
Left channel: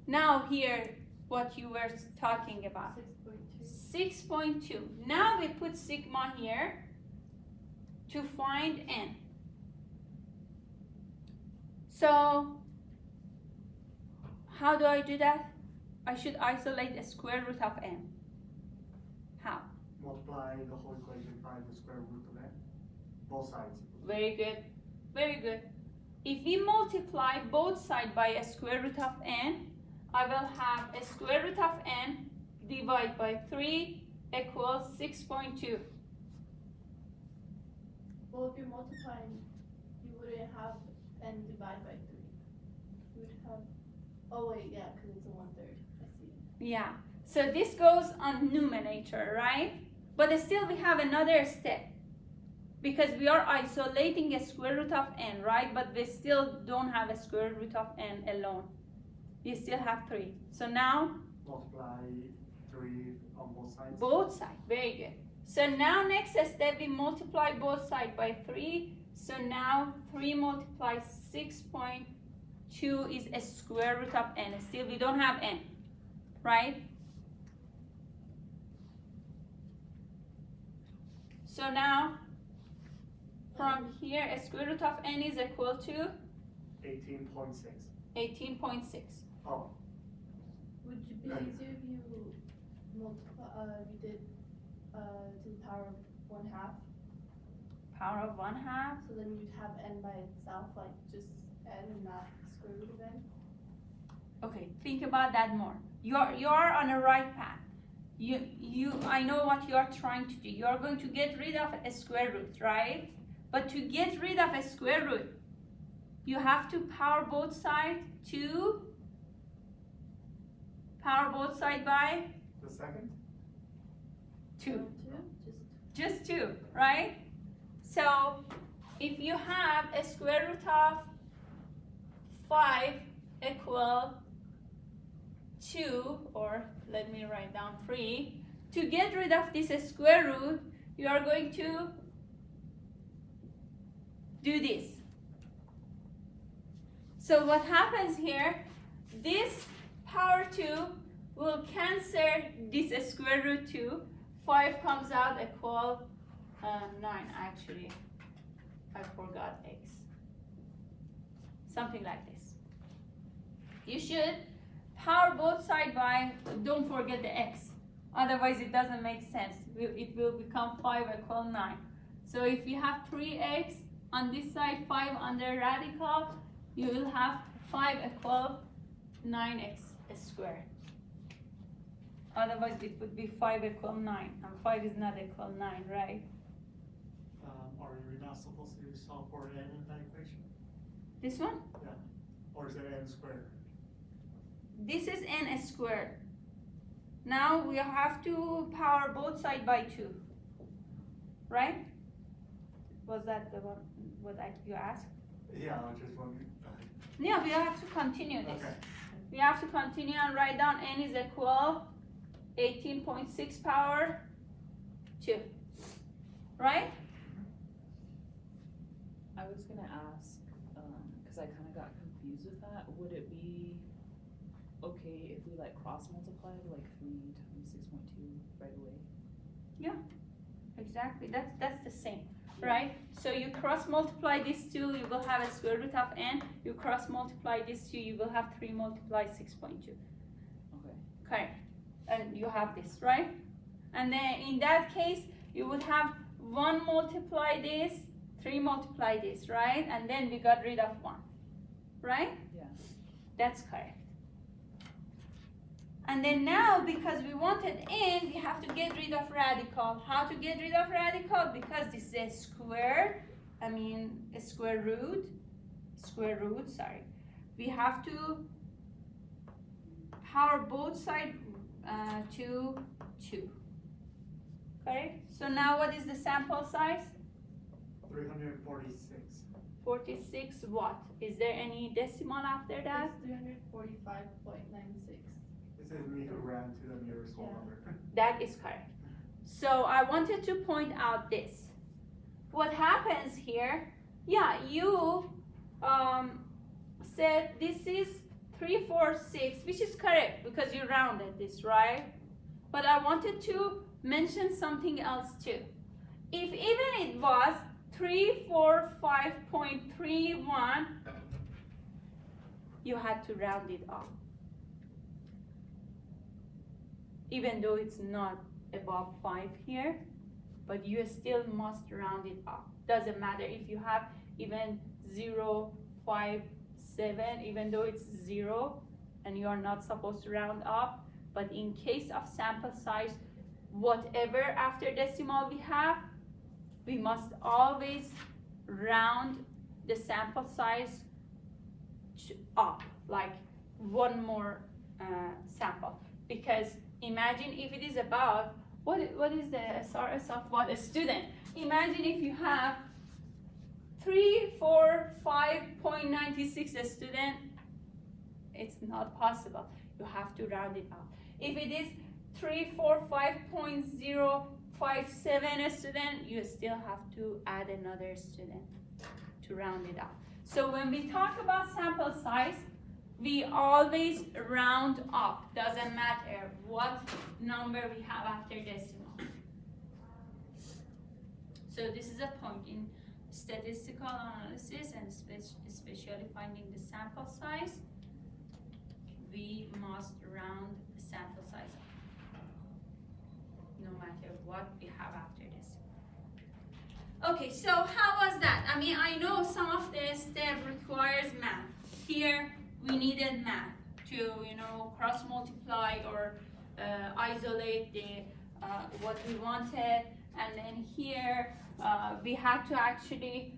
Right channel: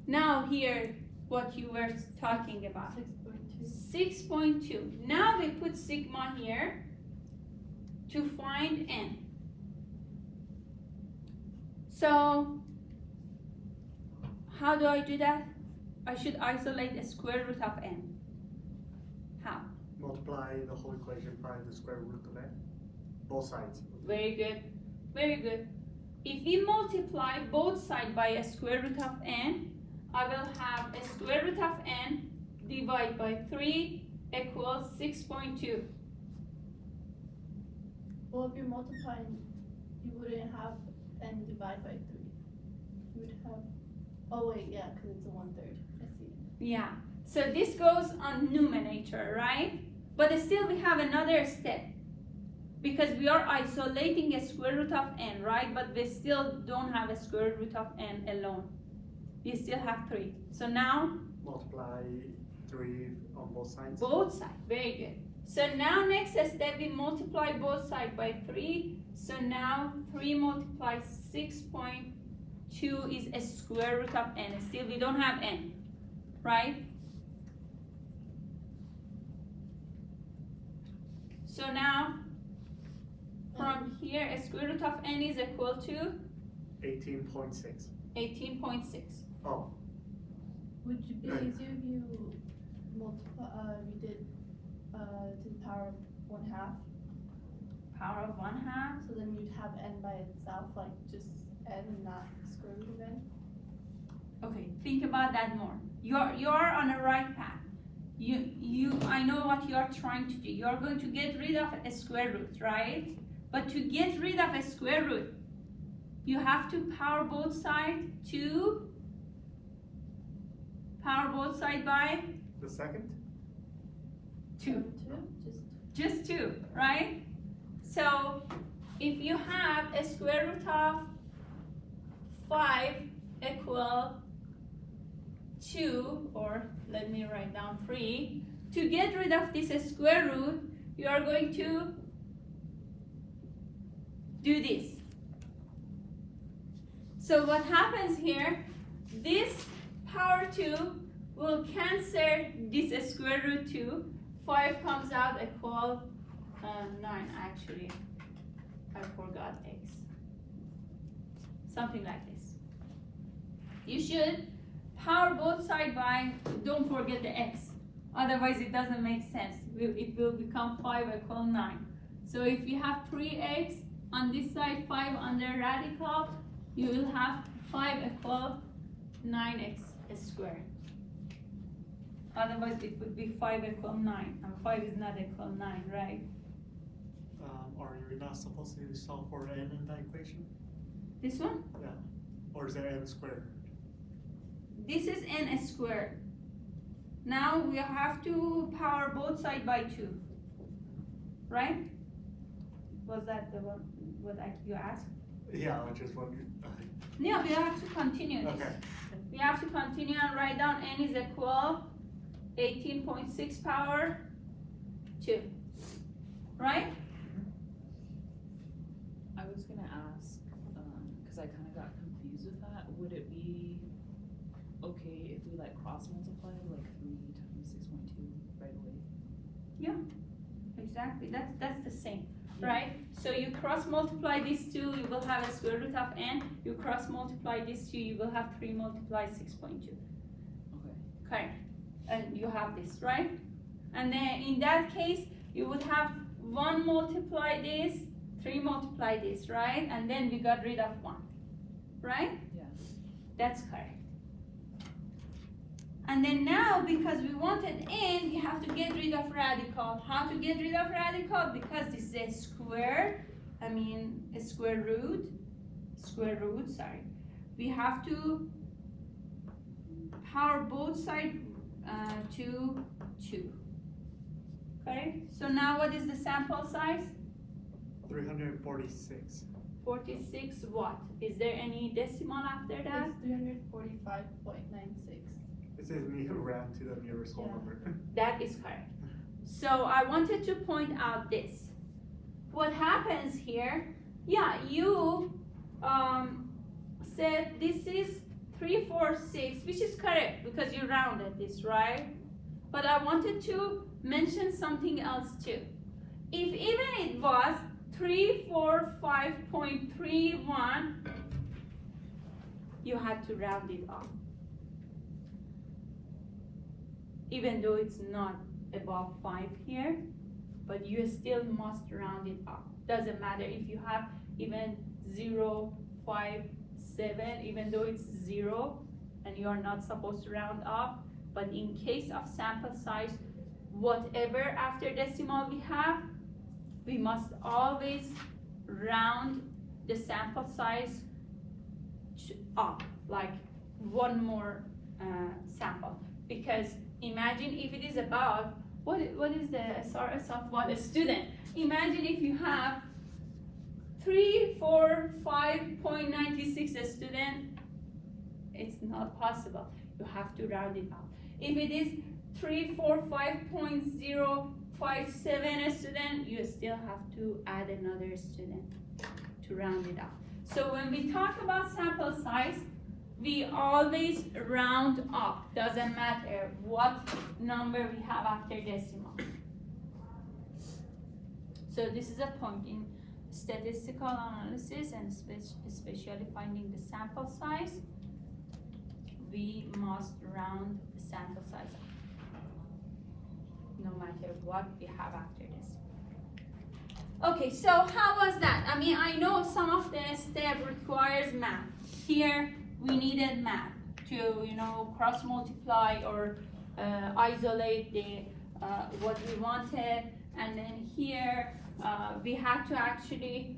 now here what you were talking about, 6.2. Now we put sigma here to find n. So how do I do that? I should isolate the square root of n. How? Multiply the whole equation by the square root of n, both sides. Very good, very good. If we multiply both sides by a square root of n, I will have a square root of n divided by 3 equals 6.2. Well, if you're multiplying, you wouldn't have n divided by 3. You would have, oh wait, yeah, because it's a 1/3. I see. Yeah, so this goes on numerator, right? But still we have another step because we are isolating a square root of n, right? But we still don't have a square root of n alone. We still have 3. So now Multiply 3 on both sides. both sides, very good. So now next step we multiply both sides by 3. So now 3 multiplied 6.2 is a square root of n. Still we don't have n, right? So now from here a square root of n is equal to 18.6. 18.6. Oh, Would it be Right. easier if you multiply, you did to the power of 1/2, Power of 1/2. so then you'd have n by itself, like just n and not square root of n? Okay, think about that more. You are on the right path. I know what you are trying to do. You are going to get rid of a square root, right? But to get rid of a square root, you have to power both sides by the second? 2. Just Just 2, right? So if you have a square root of 5 equal 2, or let me write down 3, to get rid of this square root, you are going to do this. So what happens here, this power 2 will cancel this square root 2. 5 comes out equal 9 actually. I forgot x. Something like this. You should power both sides by, don't forget the x. Otherwise it doesn't make sense. It will become 5 equal 9. So if you have 3x on this side, 5 under radical, you will have 5 equal 9x squared. Otherwise it would be 5 equal 9. Now 5 is not equal 9, right? Are you not supposed to solve for n in that equation? This one? Yeah. Or is it n squared? This is n squared. Now we have to power both sides by 2. Right? Was that the one what you asked? Yeah, I was just wondering. Yeah, we have to continue this. Okay. We have to continue and write down n is equal 18.6 power 2. Right? I was gonna ask, cause I kinda got confused with that, would it be okay if we like cross multiply like 3 times 6.2 right away? Exactly. That's the same. Right? So you cross multiply these two, you will have a square root of n. You cross multiply these two, you will have 3 multiply 6.2. Okay. And you have this, right? And then in that case, you would have 1 multiply this, 3 multiply this, right? And then we got rid of 1, right? Yeah. That's correct. And then now, because we wanted n, we have to get rid of radical. How to get rid of radical? Because this is a square root, sorry. We have to power both sides to 2. Okay, so now what is the sample size? 346. 46 what? Is there any decimal after that? It's 345.96. It says me ran to the nearest whole number. That is correct. So I wanted to point out this. What happens here, yeah, you said this is 346, which is correct because you rounded this, right? But I wanted to mention something else too. If even it was 345.31, you had to round it up. Even though it's not above 5 here, but you still must round it up. Doesn't matter if you have even 0.57, even though it's 0 and you are not supposed to round up, but in case of sample size, whatever after decimal we have, we must always round the sample size up, like one more sample. Because imagine if it is above, what is the SRS of what? A student. Imagine if you have 345.96 a student, it's not possible. You have to round it up. If it is 345.057 a student, you still have to add another student to round it up. So when we talk about sample size, we always round up. Doesn't matter what number we have after decimal. So this is a point in statistical analysis and especially finding the sample size. We must round the sample size up, no matter what we have after this. Okay, so how was that? I mean, I know some of the step requires math. Here we needed math to, cross multiply or isolate the what we wanted, and then here we had to actually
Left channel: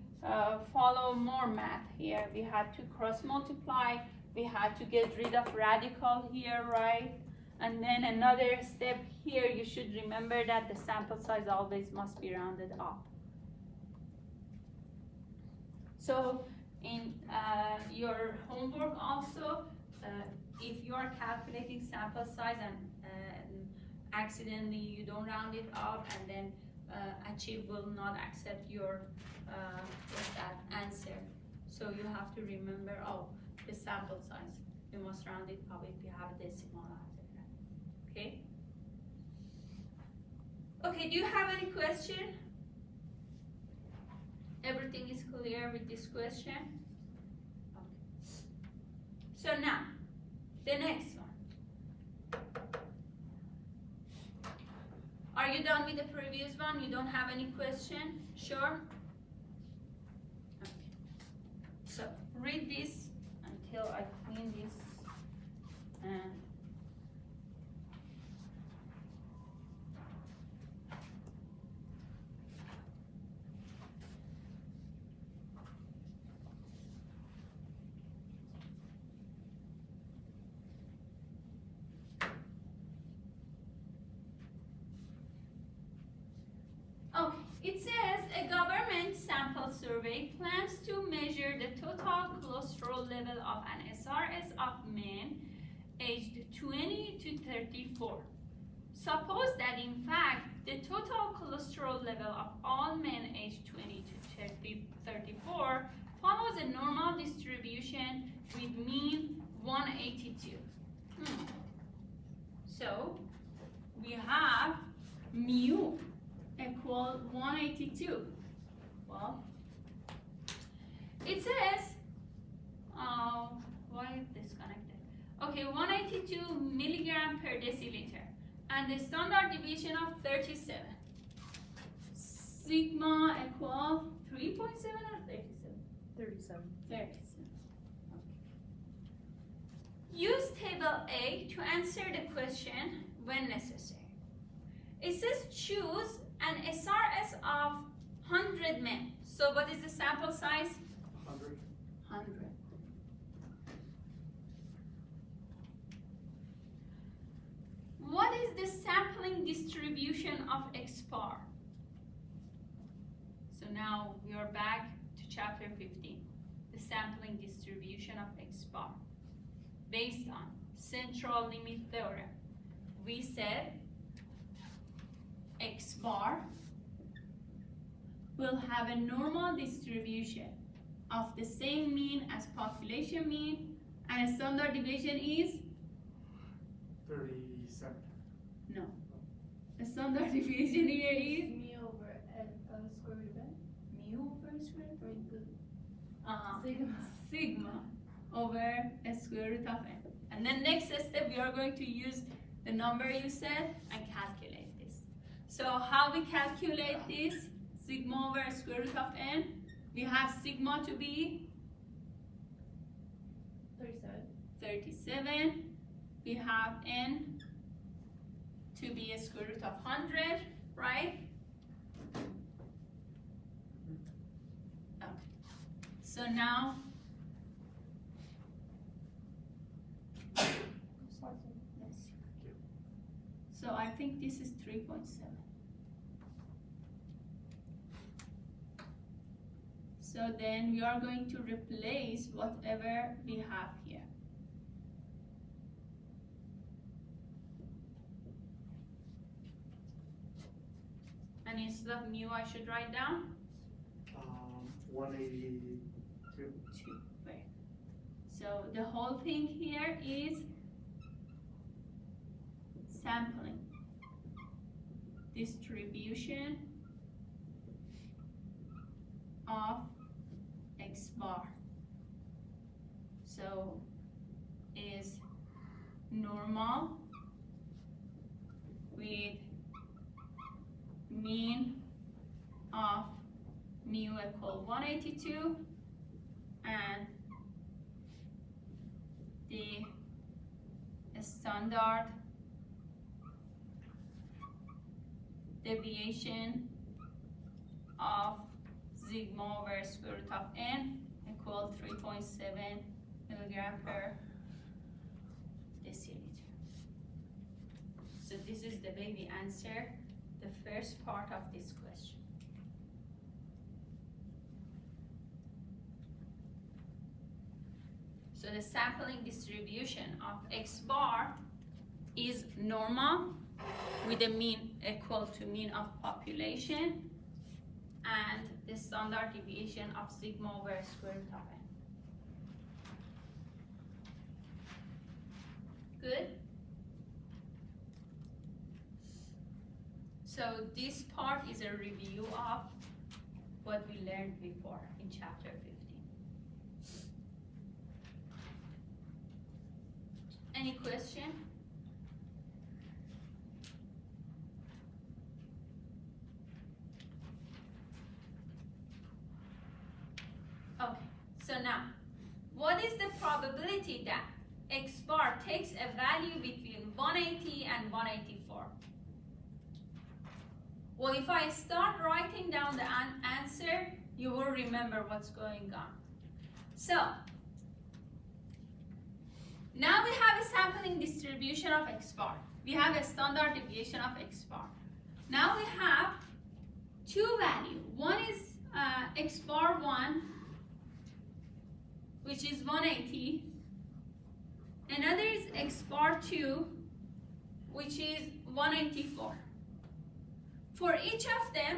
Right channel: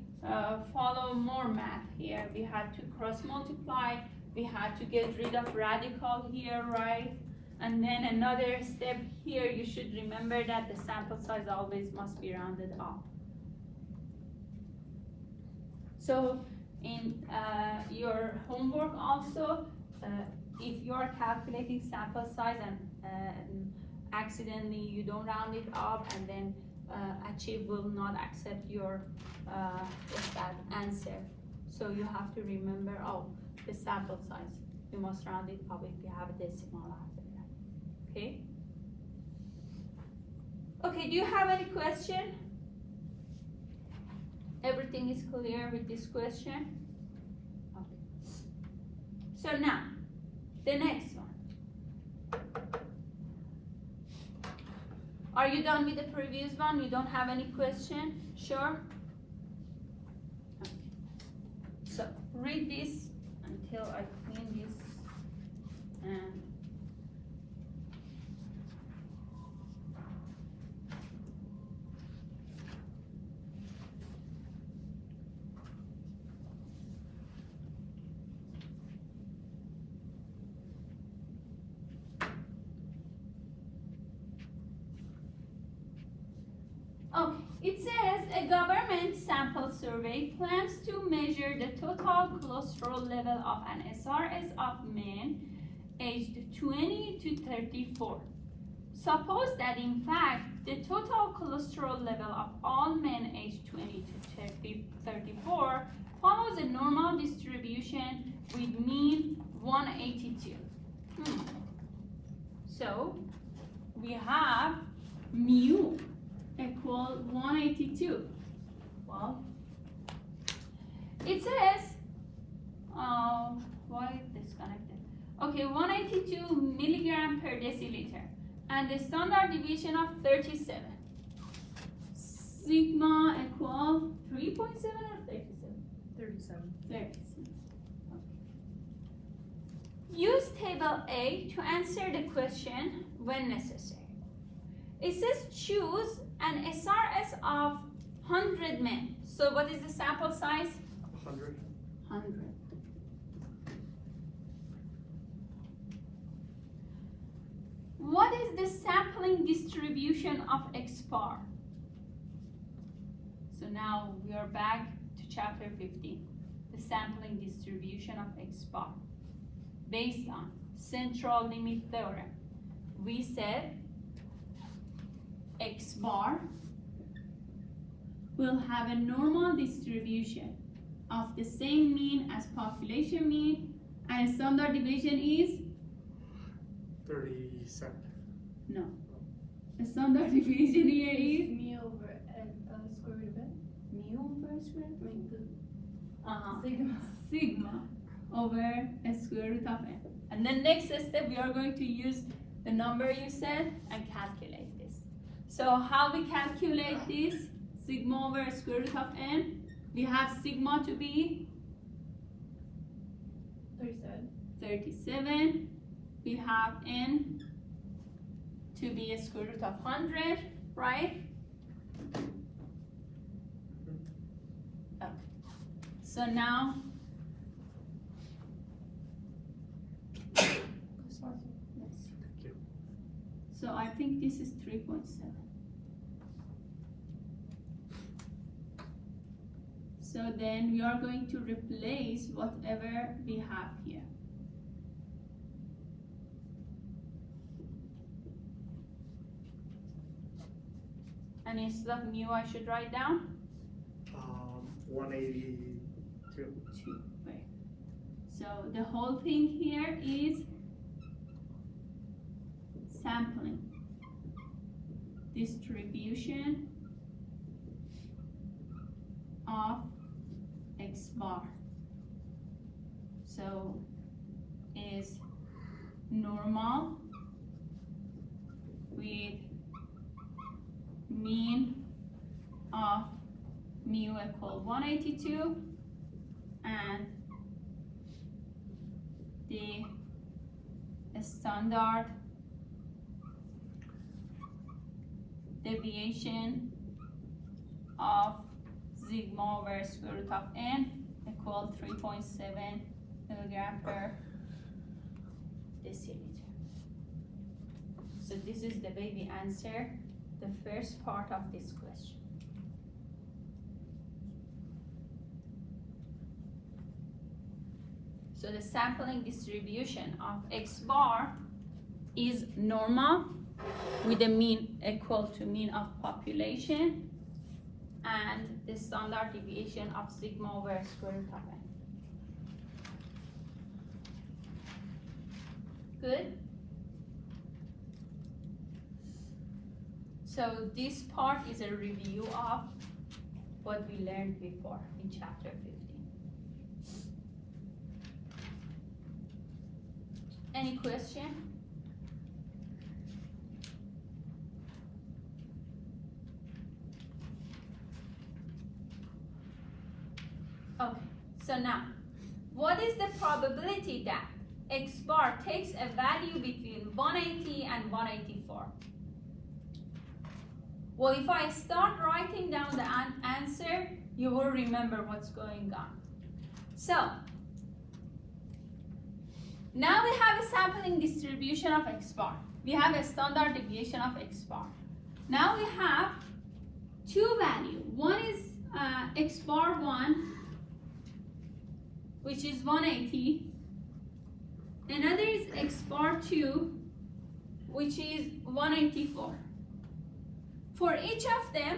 follow more math here. We had to cross multiply. We had to get rid of radical here, right? And then another step here, you should remember that the sample size always must be rounded up. So in your homework also, if you are calculating sample size and accidentally you don't round it up, and then Achieve will not accept your what's that answer. So you have to remember, oh, the sample size. You must round it up if you have a decimal after that. Okay? Okay, do you have any question? Everything is clear with this question? Okay. So now, the next one. Are you done with the previous one? You don't have any question? Sure? Okay. So, read this until I clean this and okay, it says a government sample survey plans to measure the total cholesterol level of an SRS of men aged 20 to 34. Suppose that in fact the total cholesterol level of all men aged 20 to 34 follows a normal distribution with mean 182. So we have mu equal 182. Well, it says, why disconnected? Okay, 182 milligram per deciliter, and the standard deviation of 37. Sigma equal 3.7 or 37? 37. 37. Use table A to answer the question when necessary. It says choose an SRS of 100 men. So what is the sample size? 100. 100. What is the sampling distribution of X bar? So now we are back to chapter 15. The sampling distribution of X bar based on central limit theorem. We said X bar will have a normal distribution of the same mean as population mean, and a standard deviation is 37. no. The standard deviation here is Me over square root of n. mu over square root. Sigma. Sigma over a square root of n. And then next step we are going to use the number you said and calculate this. So how we calculate this? Sigma over square root of n. We have sigma to be 37. We have n to be a square root of 100, right? Okay. So now, so I think this is 3.7. So then we are going to replace whatever we have here. And instead of mu, I should write down 182. 2. Right. So the whole thing here is sampling distribution of X bar. So is normal with mean of mu equal 182 and the standard deviation of sigma over square root of n equal 3.7 milligram per deciliter. So this is the way we answer the first part of this question. So the sampling distribution of X bar is normal with a mean equal to mean of population and the standard deviation of sigma over square root of n. Good? So this part is a review of what we learned before in chapter 15. Any question? Okay, so now, what is the probability that X bar takes a value between 180 and 184? Well, if I start writing down the answer, you will remember what's going on. So, now we have a sampling distribution of X bar. We have a standard deviation of X bar. Now we have two values. One is X bar 1, which is 180. Another is X bar 2, which is 184. For each of them,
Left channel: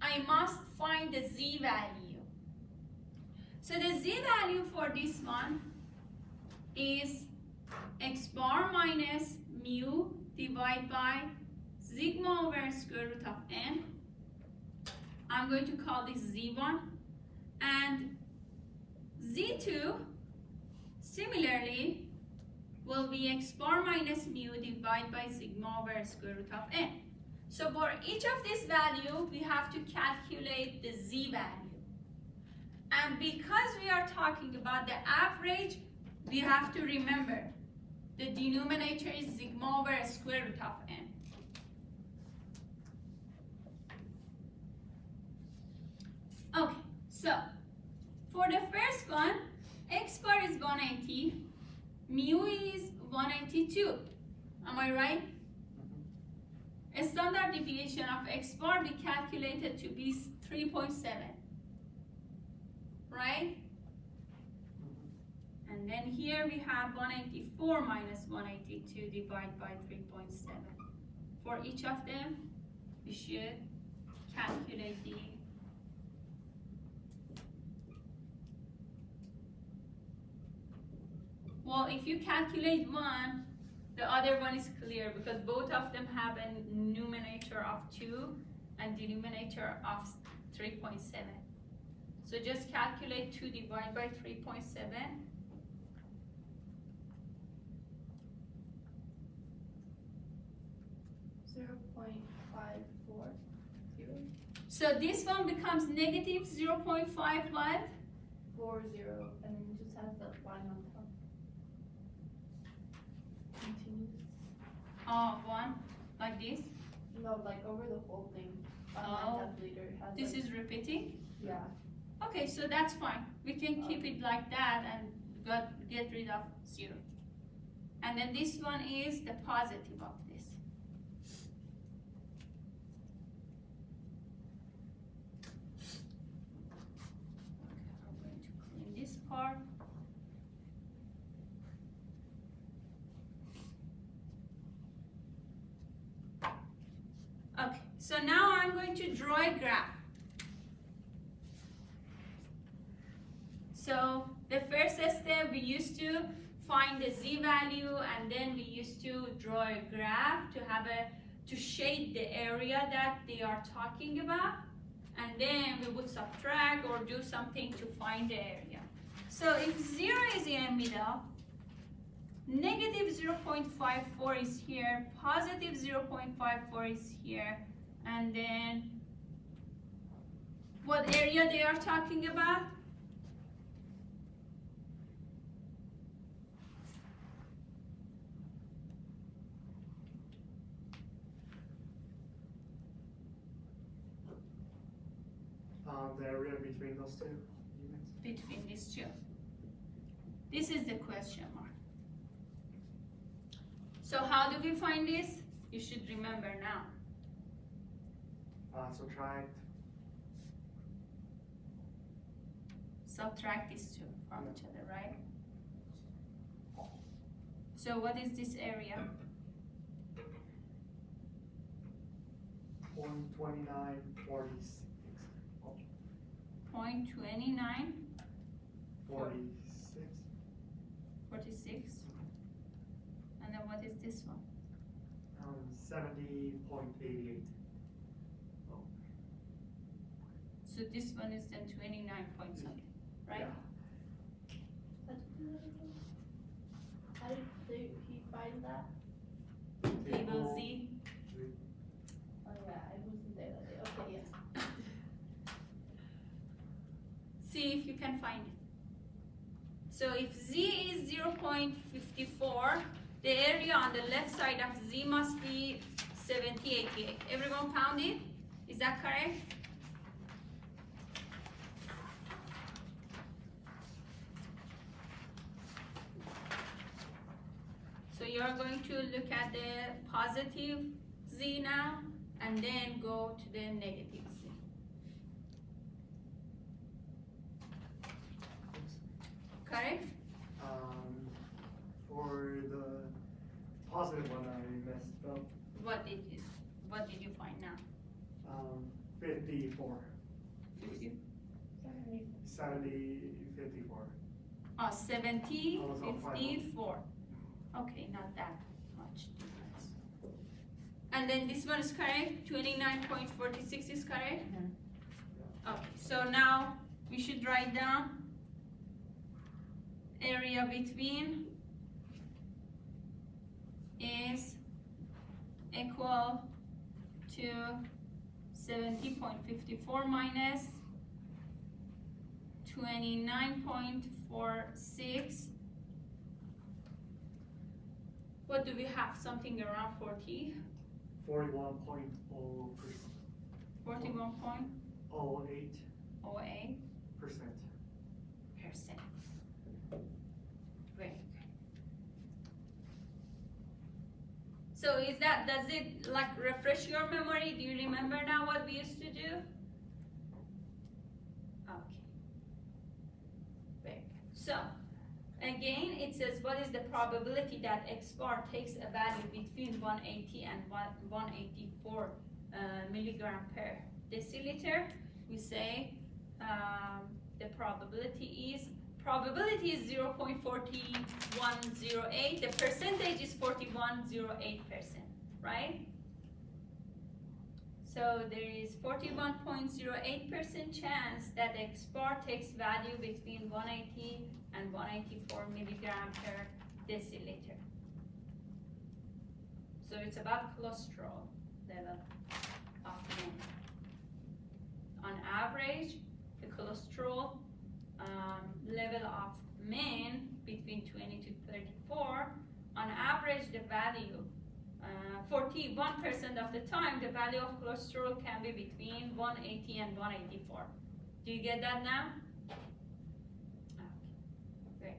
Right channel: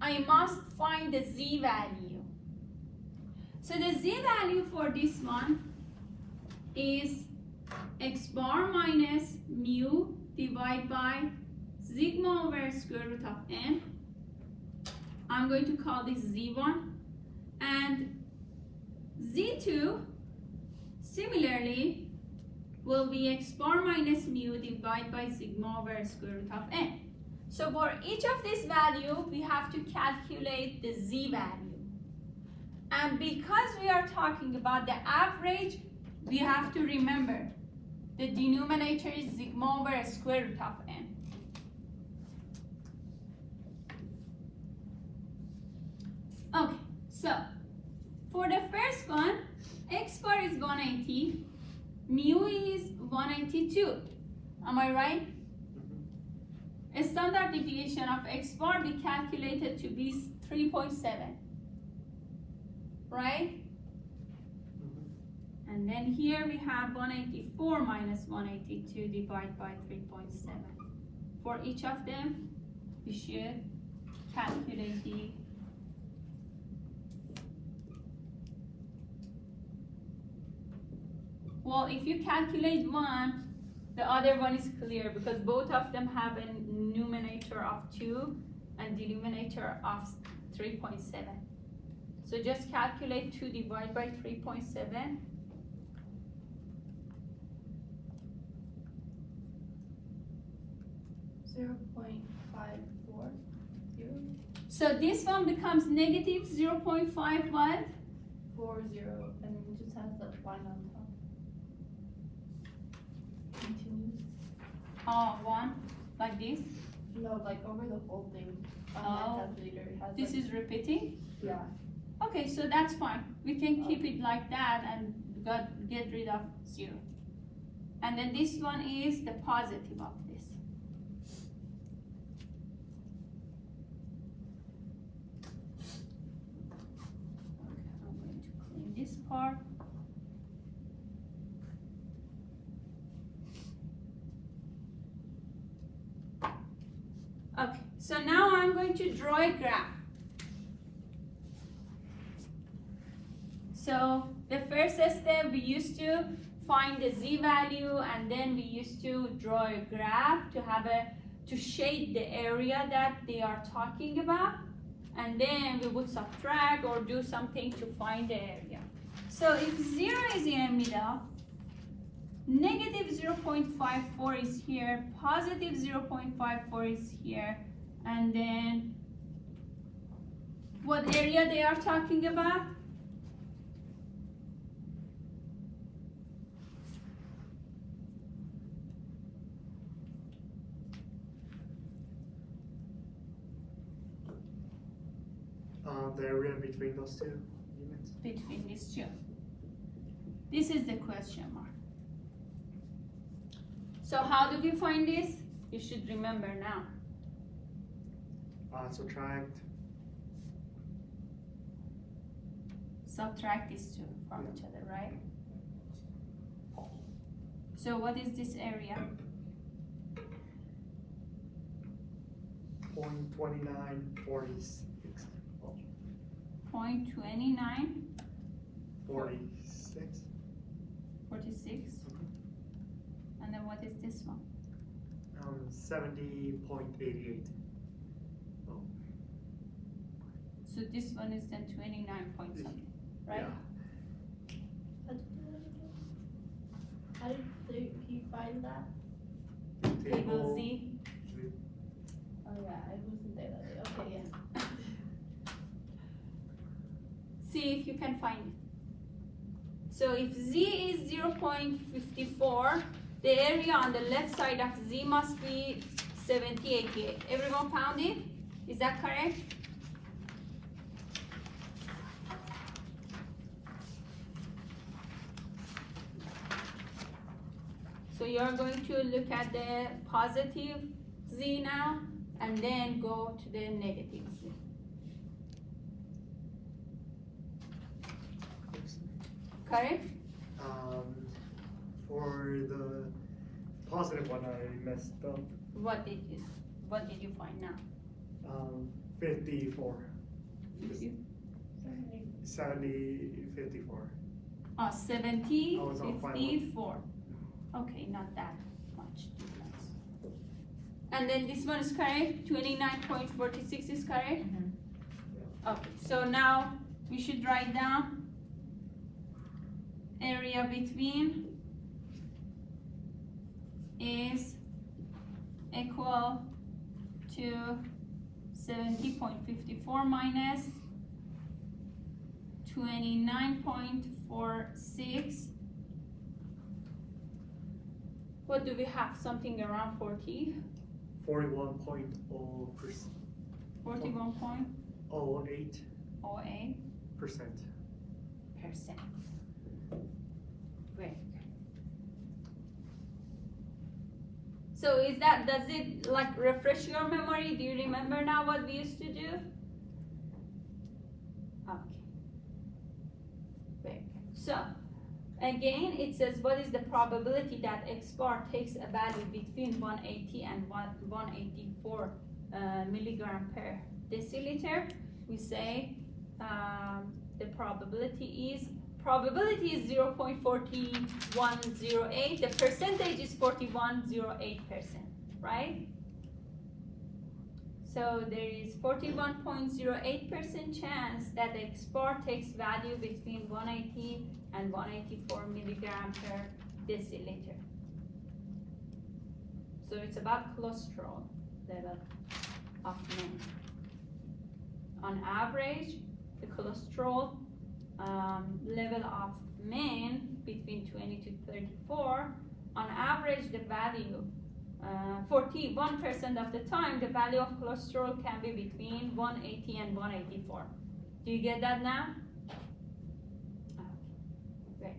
I must find the Z value. So the Z value for this one is X bar minus mu divided by sigma over square root of n. I'm going to call this Z1. And Z2, similarly, will be X bar minus mu divided by sigma over square root of n. So for each of these values, we have to calculate the Z value. And because we are talking about the average, we have to remember the denominator is sigma over square root of n. Okay, so for the first one, X bar is 180, mu is 182. Am I right? A standard deviation of X bar we calculated to be 3.7, right? And then here we have 184 minus 182 divided by 3.7. For each of them, we should calculate the well, if you calculate one, the other one is clear because both of them have a numerator of 2 and denominator of 3.7. So just calculate 2 divided by 3.7. So this one becomes negative 0.5 what? 40, and then it just has the 1 on top. Continues. Oh, 1, like this. No, like over the whole thing. On Oh. my calculator, it has This like, is repeating. yeah. Okay, so that's fine. We can keep it like that and get rid of 0. And then this one is the positive of this. Okay, I'm going to clean this part. Okay, so now I'm going to draw a graph. So the first step, we used to find the Z value, and then we used to draw a graph to shade the area that they are talking about, and then we would subtract or do something to find the area. So if 0 is in the middle, negative 0.54 is here, positive 0.54 is here, and then what area they are talking about? The area between those two units. Between these two. This is the question mark. So how do we find this? You should remember now. Subtract. Subtract these two from each other, right? So what is this area? 0.2946. 0.2946. 46. And then what is this one? 70.88. So this one is then 29 point something, right? How did he find that? Table Z. Oh yeah, I wasn't there that day. Okay, yeah. See if you can find it. So if Z is 0.54, the area on the left side of Z must be 7088. Everyone found it? Is that correct? So you're going to look at the positive Z now and then go to the negative Z. Correct? For the positive one, I messed up. What did you find now? 54. 50? 70, 54. Oh, 70, I was on final. 54. Okay, not that much difference. And then this one is correct, 29.46 is correct? Okay, so now we should write down area between is equal to 70.54 minus 29.46. What do we have? Something around 40? 41.0%. 41.08%. 08%. Great. So does it like refresh your memory? Do you remember now what we used to do? Okay. Very good. So, again, it says what is the probability that X bar takes a value between 180 and 184 milligram per deciliter. We say the probability is 0.4108. The percentage is 4108%, right? So there is 41.08% chance that the X bar takes value between 180 and 184 milligram per deciliter. So it's about cholesterol level of men. On average, the cholesterol level of men between 20 to 34, on average the value 41% of the time the value of cholesterol can be between 180 and 184. Do you get that now? Great.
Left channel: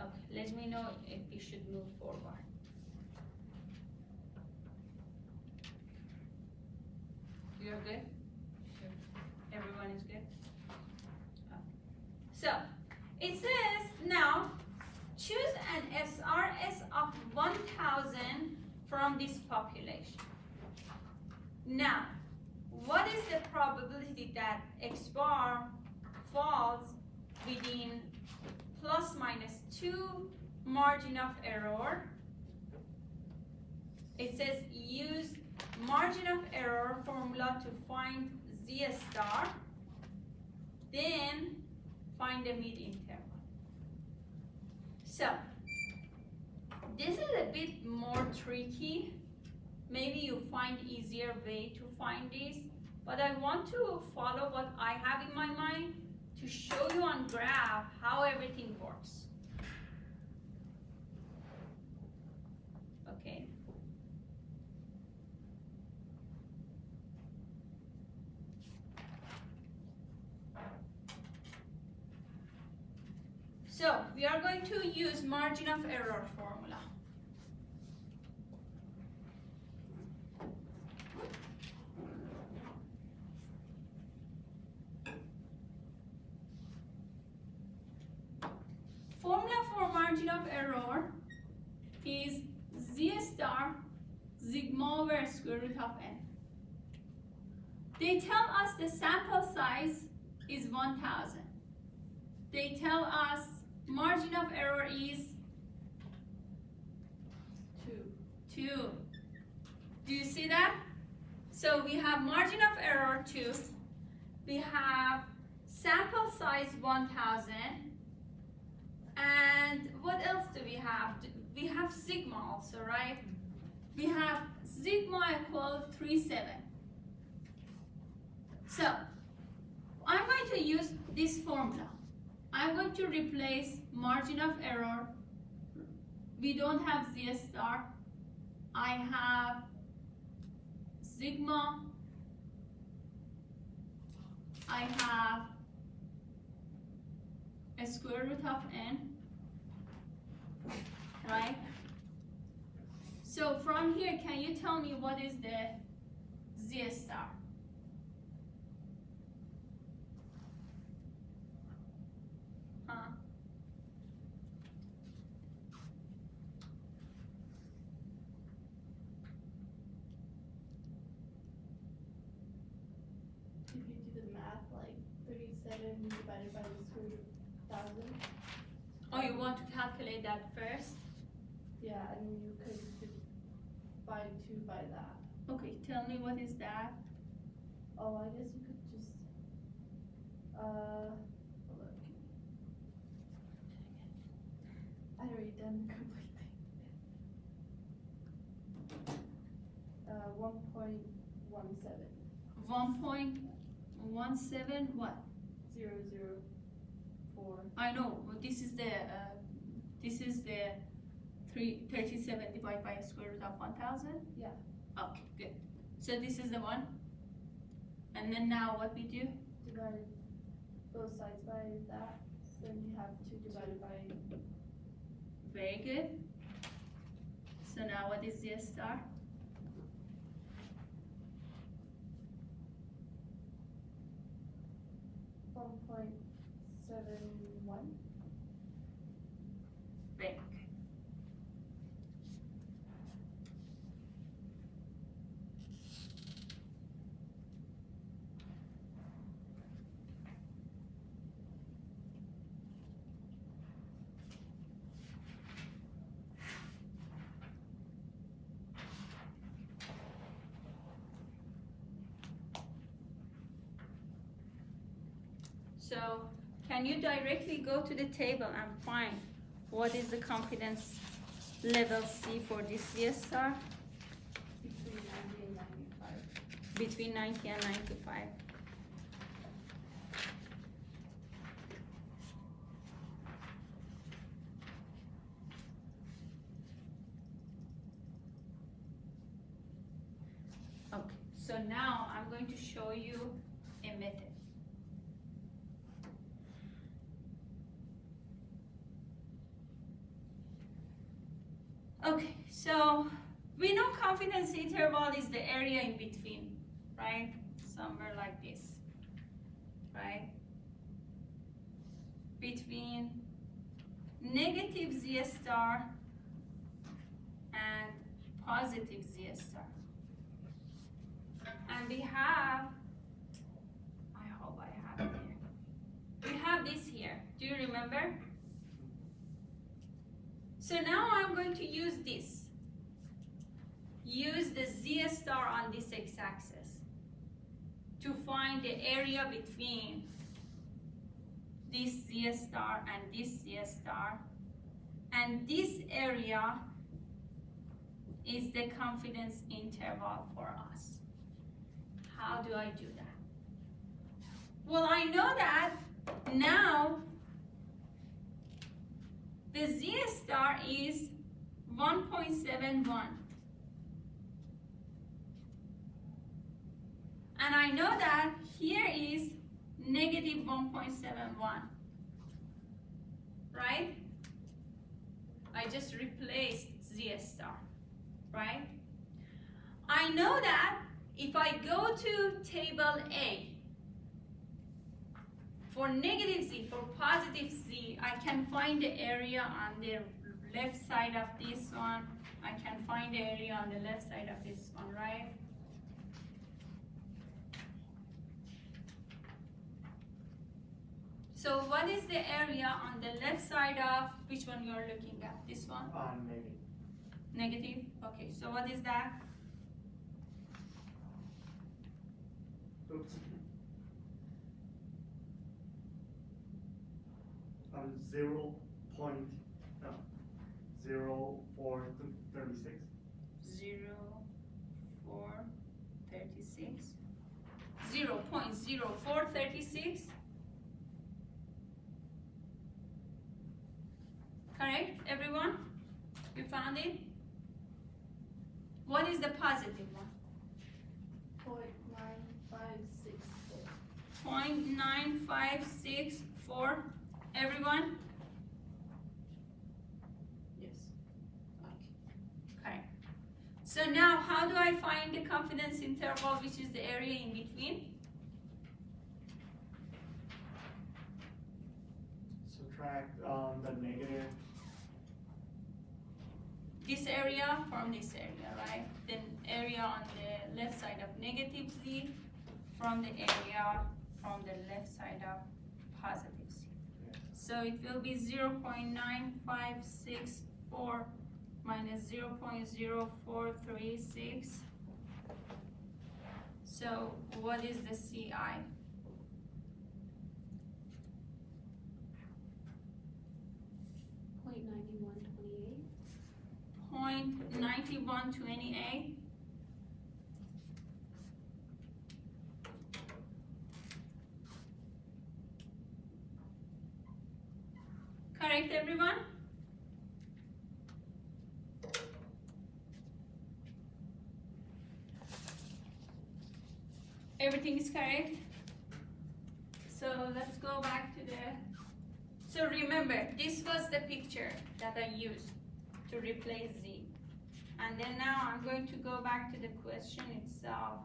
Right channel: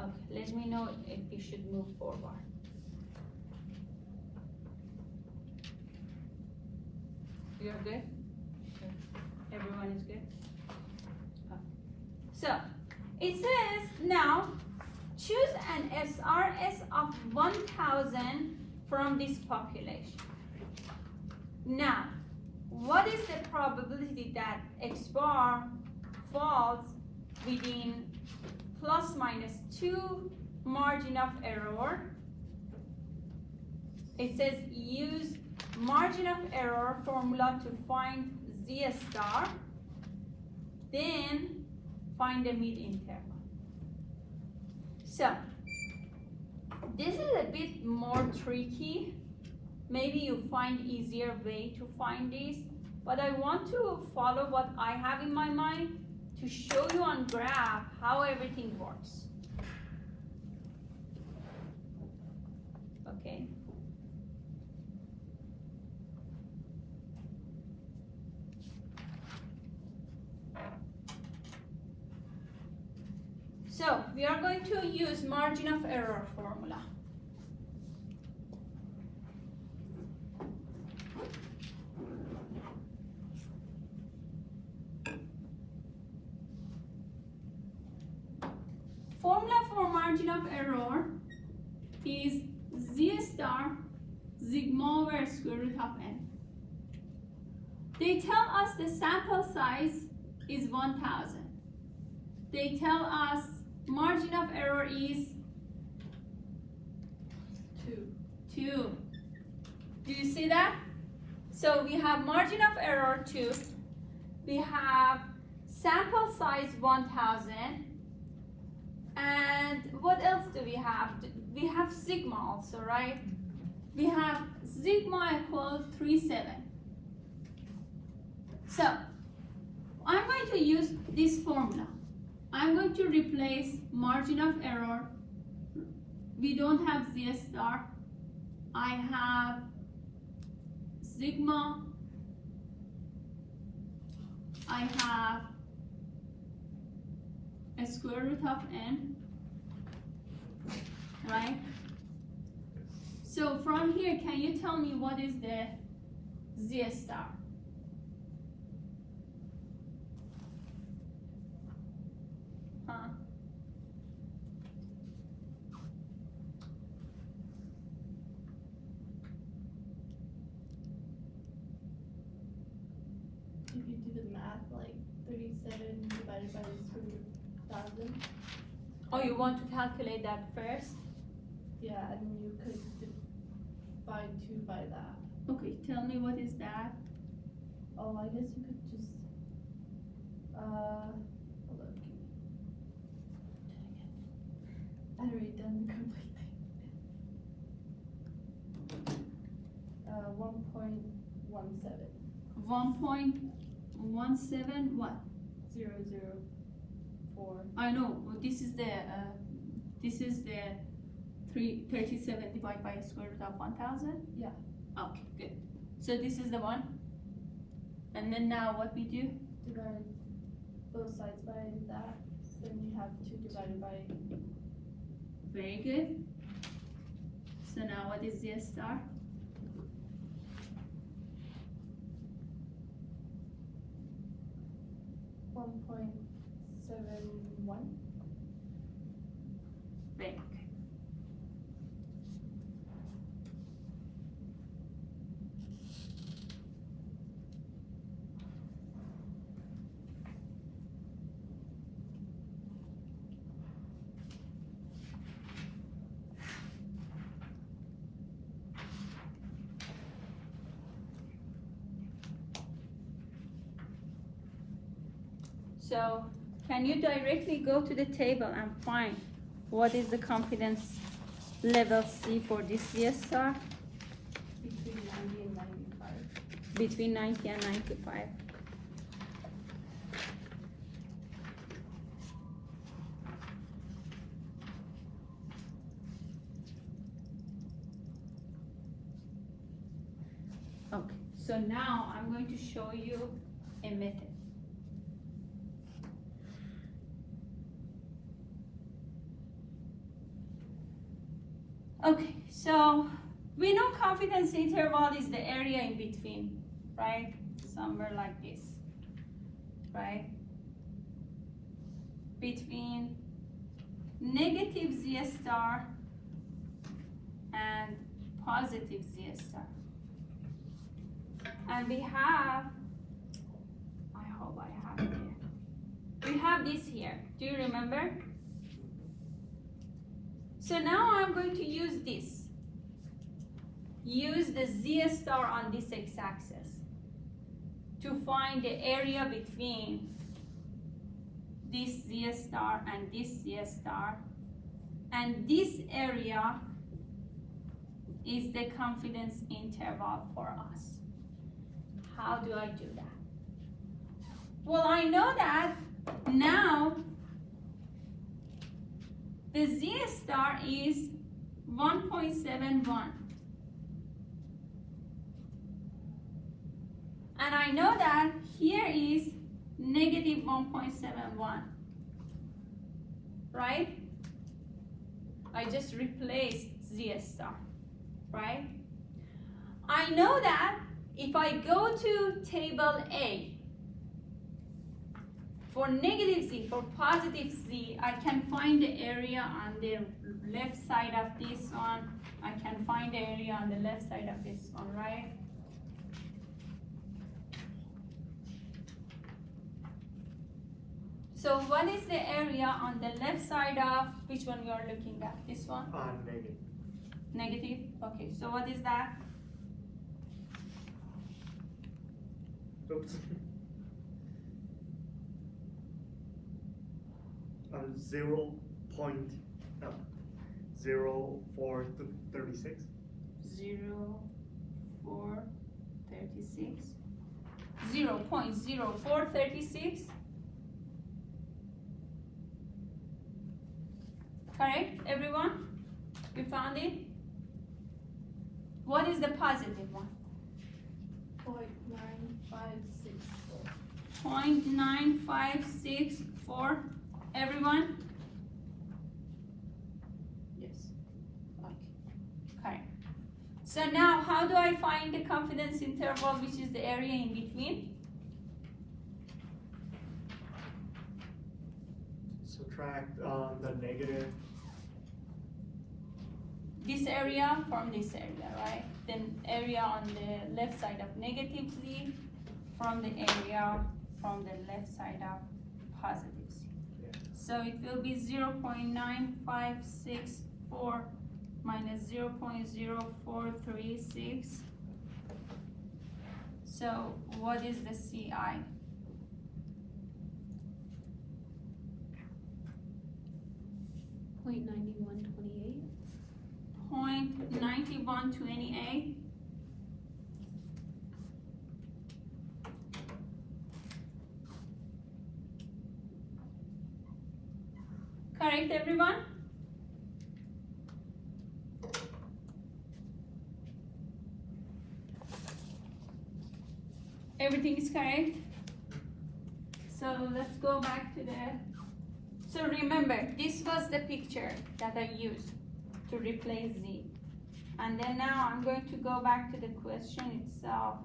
Okay, let me know if we should move forward. You're good? Okay. Everyone is good? Okay. So, it says now, choose an SRS of 1000 from this population. Now, what is the probability that X bar falls within plus minus 2 margin of error? It says use margin of error formula to find Z star, then find the mid-interval. So, this is a bit more tricky. Maybe you find easier way to find this, but I want to follow what I have in my mind to show you on graph how everything works. Okay. So we are going to use margin of error formula. formula for margin of error is z star sigma over square root of n. They tell us the sample size is 1000. They tell us margin of error is 2. Do you see that? So we have margin of error 2. We have sample size 1000. And what else do we have? We have sigma also, right? We have sigma equals 37. So I'm going to use this formula. I'm going to replace margin of error. We don't have z star. I have sigma. I have a square root of n, right? So from here, can you tell me what is the z star? Huh? If you do the math, like 37 divided by the square root of 1000. Oh, you want to calculate that first? Yeah, and then you could divide 2 by that. Okay, tell me what is that? Oh, I guess you could just, hold on. I'd already done the complete thing. 1.17. 1.17 what? 004. I know. Well, this is the 37 divided by square root of 1000. Yeah. Okay, good. So this is the one. And then now what we do? Divide both sides by that. Then you have 2 divided by. Very good. So now what is z star? 1.71. Very good. So can you directly go to the table and find what is the confidence level C for this z star? Between 90 and 95. Between 90 and 95. Okay, so now I'm going to show you a method. Okay, so we know confidence interval is the area in between, right? Somewhere like this, right? Between negative z star and positive z star. And we have, I hope I have it here. We have this here. Do you remember? So now I'm going to use this. Use the z star on this x-axis to find the area between this z star and this z star. And this area is the confidence interval for us. How do I do that? Well, I know that now the z star is 1.71. And I know that here is negative 1.71. Right? I just replaced z star. Right? I know that if I go to table A For negative z, for positive z, I can find the area on the left side of this one. I can find the area on the left side of this one, right? So what is the area on the left side of which one you are looking at? This one? Negative. Negative? Okay, so what is that? Oops. 0.0436. 0.0436. 0.0436. Correct, everyone? We found it? What is the positive one? 0.9564. 0.9564. Everyone? Yes. Okay. Correct. So now, how do I find the confidence interval, which is the area in between? Subtract the negative. This area from this area, right? Then area on the left side of negative z from the area from the left side of positive z. Yeah. So it will be 0.9564 minus 0.0436. So what is the CI? .9128. Correct, everyone? Everything is correct? So let's go back to so remember, this was the picture that I used to replace z. And then now I'm going to go back to the question itself.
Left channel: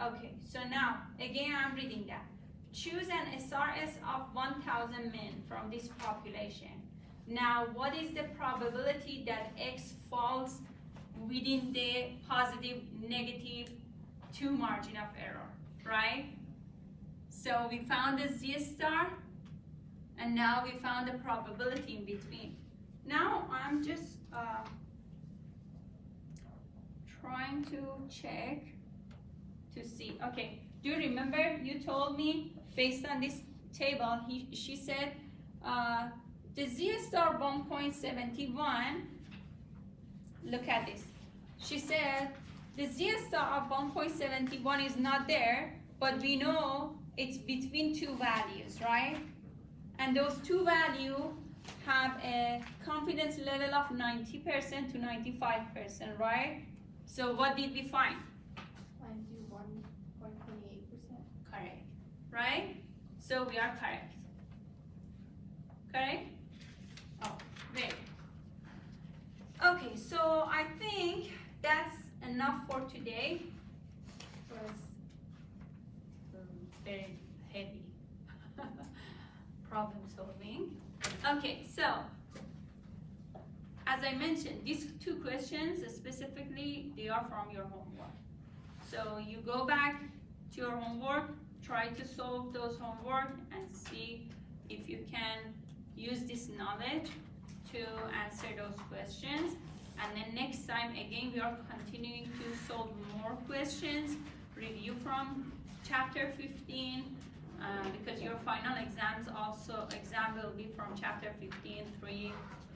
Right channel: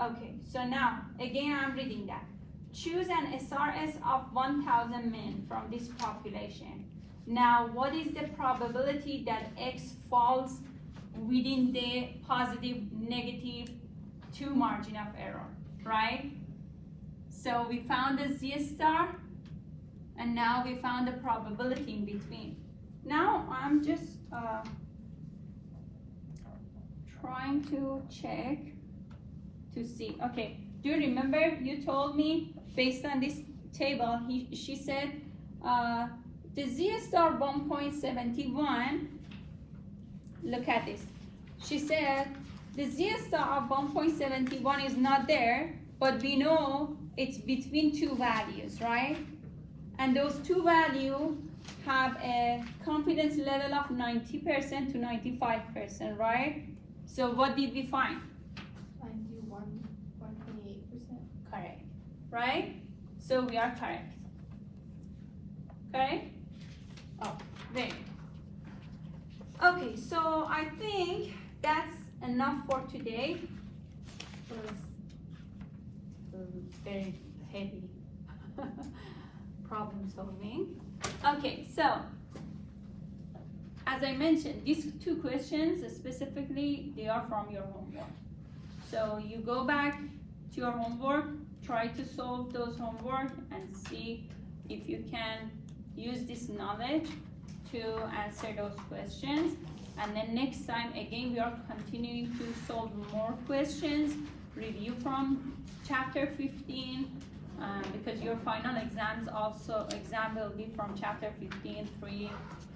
Okay, so now, again I'm reading that. Choose an SRS of 1,000 men from this population. Now, what is the probability that X falls within the positive, negative 2 margin of error, right? So we found the Z star, and now we found the probability in between. Now I'm just trying to check to see. Okay, do you remember you told me based on this table, she said the Z star 1.71, look at this. She said the Z star of 1.71 is not there, but we know it's between 2 values, right? And those 2 values have a confidence level of 90% to 95%, right? So what did we find? 91.28%. Correct, right? So we are correct. Correct? Oh, great. Okay, so I think that's enough for today. It was very heavy problem solving. Okay, so as I mentioned, these 2 questions specifically, they are from your homework. So you go back to your homework, try to solve those homework and see if you can use this knowledge to answer those questions. And then next time, again, we are continuing to solve more questions, review from chapter 15, because your final exam will be from chapter 15:3,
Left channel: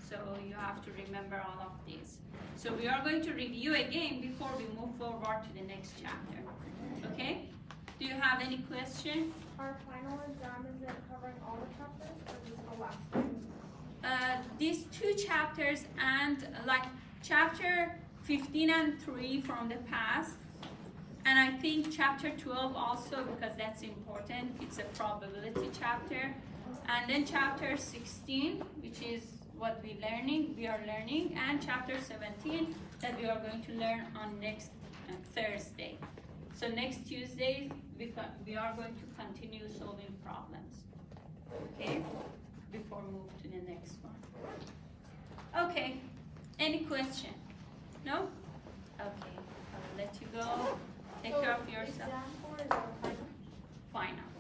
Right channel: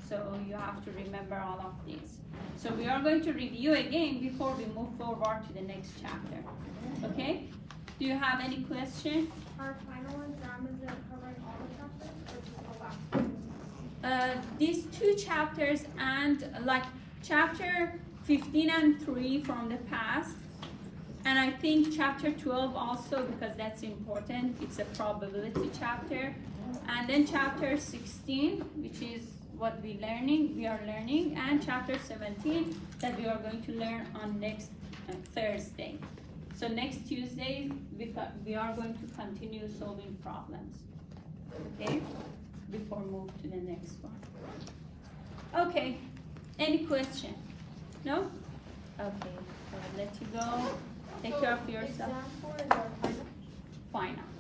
so you have to remember all of these. So we are going to review again before we move forward to the next chapter. Okay? Do you have any question? Our final exam, is it covering all the chapters or just the last one? These 2 chapters and like chapter 15 and 3 from the past, and I think chapter 12 also, because that's important. It's a probability chapter. And then chapter 16, which is what we are learning, and chapter 17 that we are going to learn on next Thursday. So next Tuesday, we are going to continue solving problems, okay? Before move to the next one. Okay, any question? No? Okay, I will let you go. Take care of yourself. Exam 4 is our final. Final.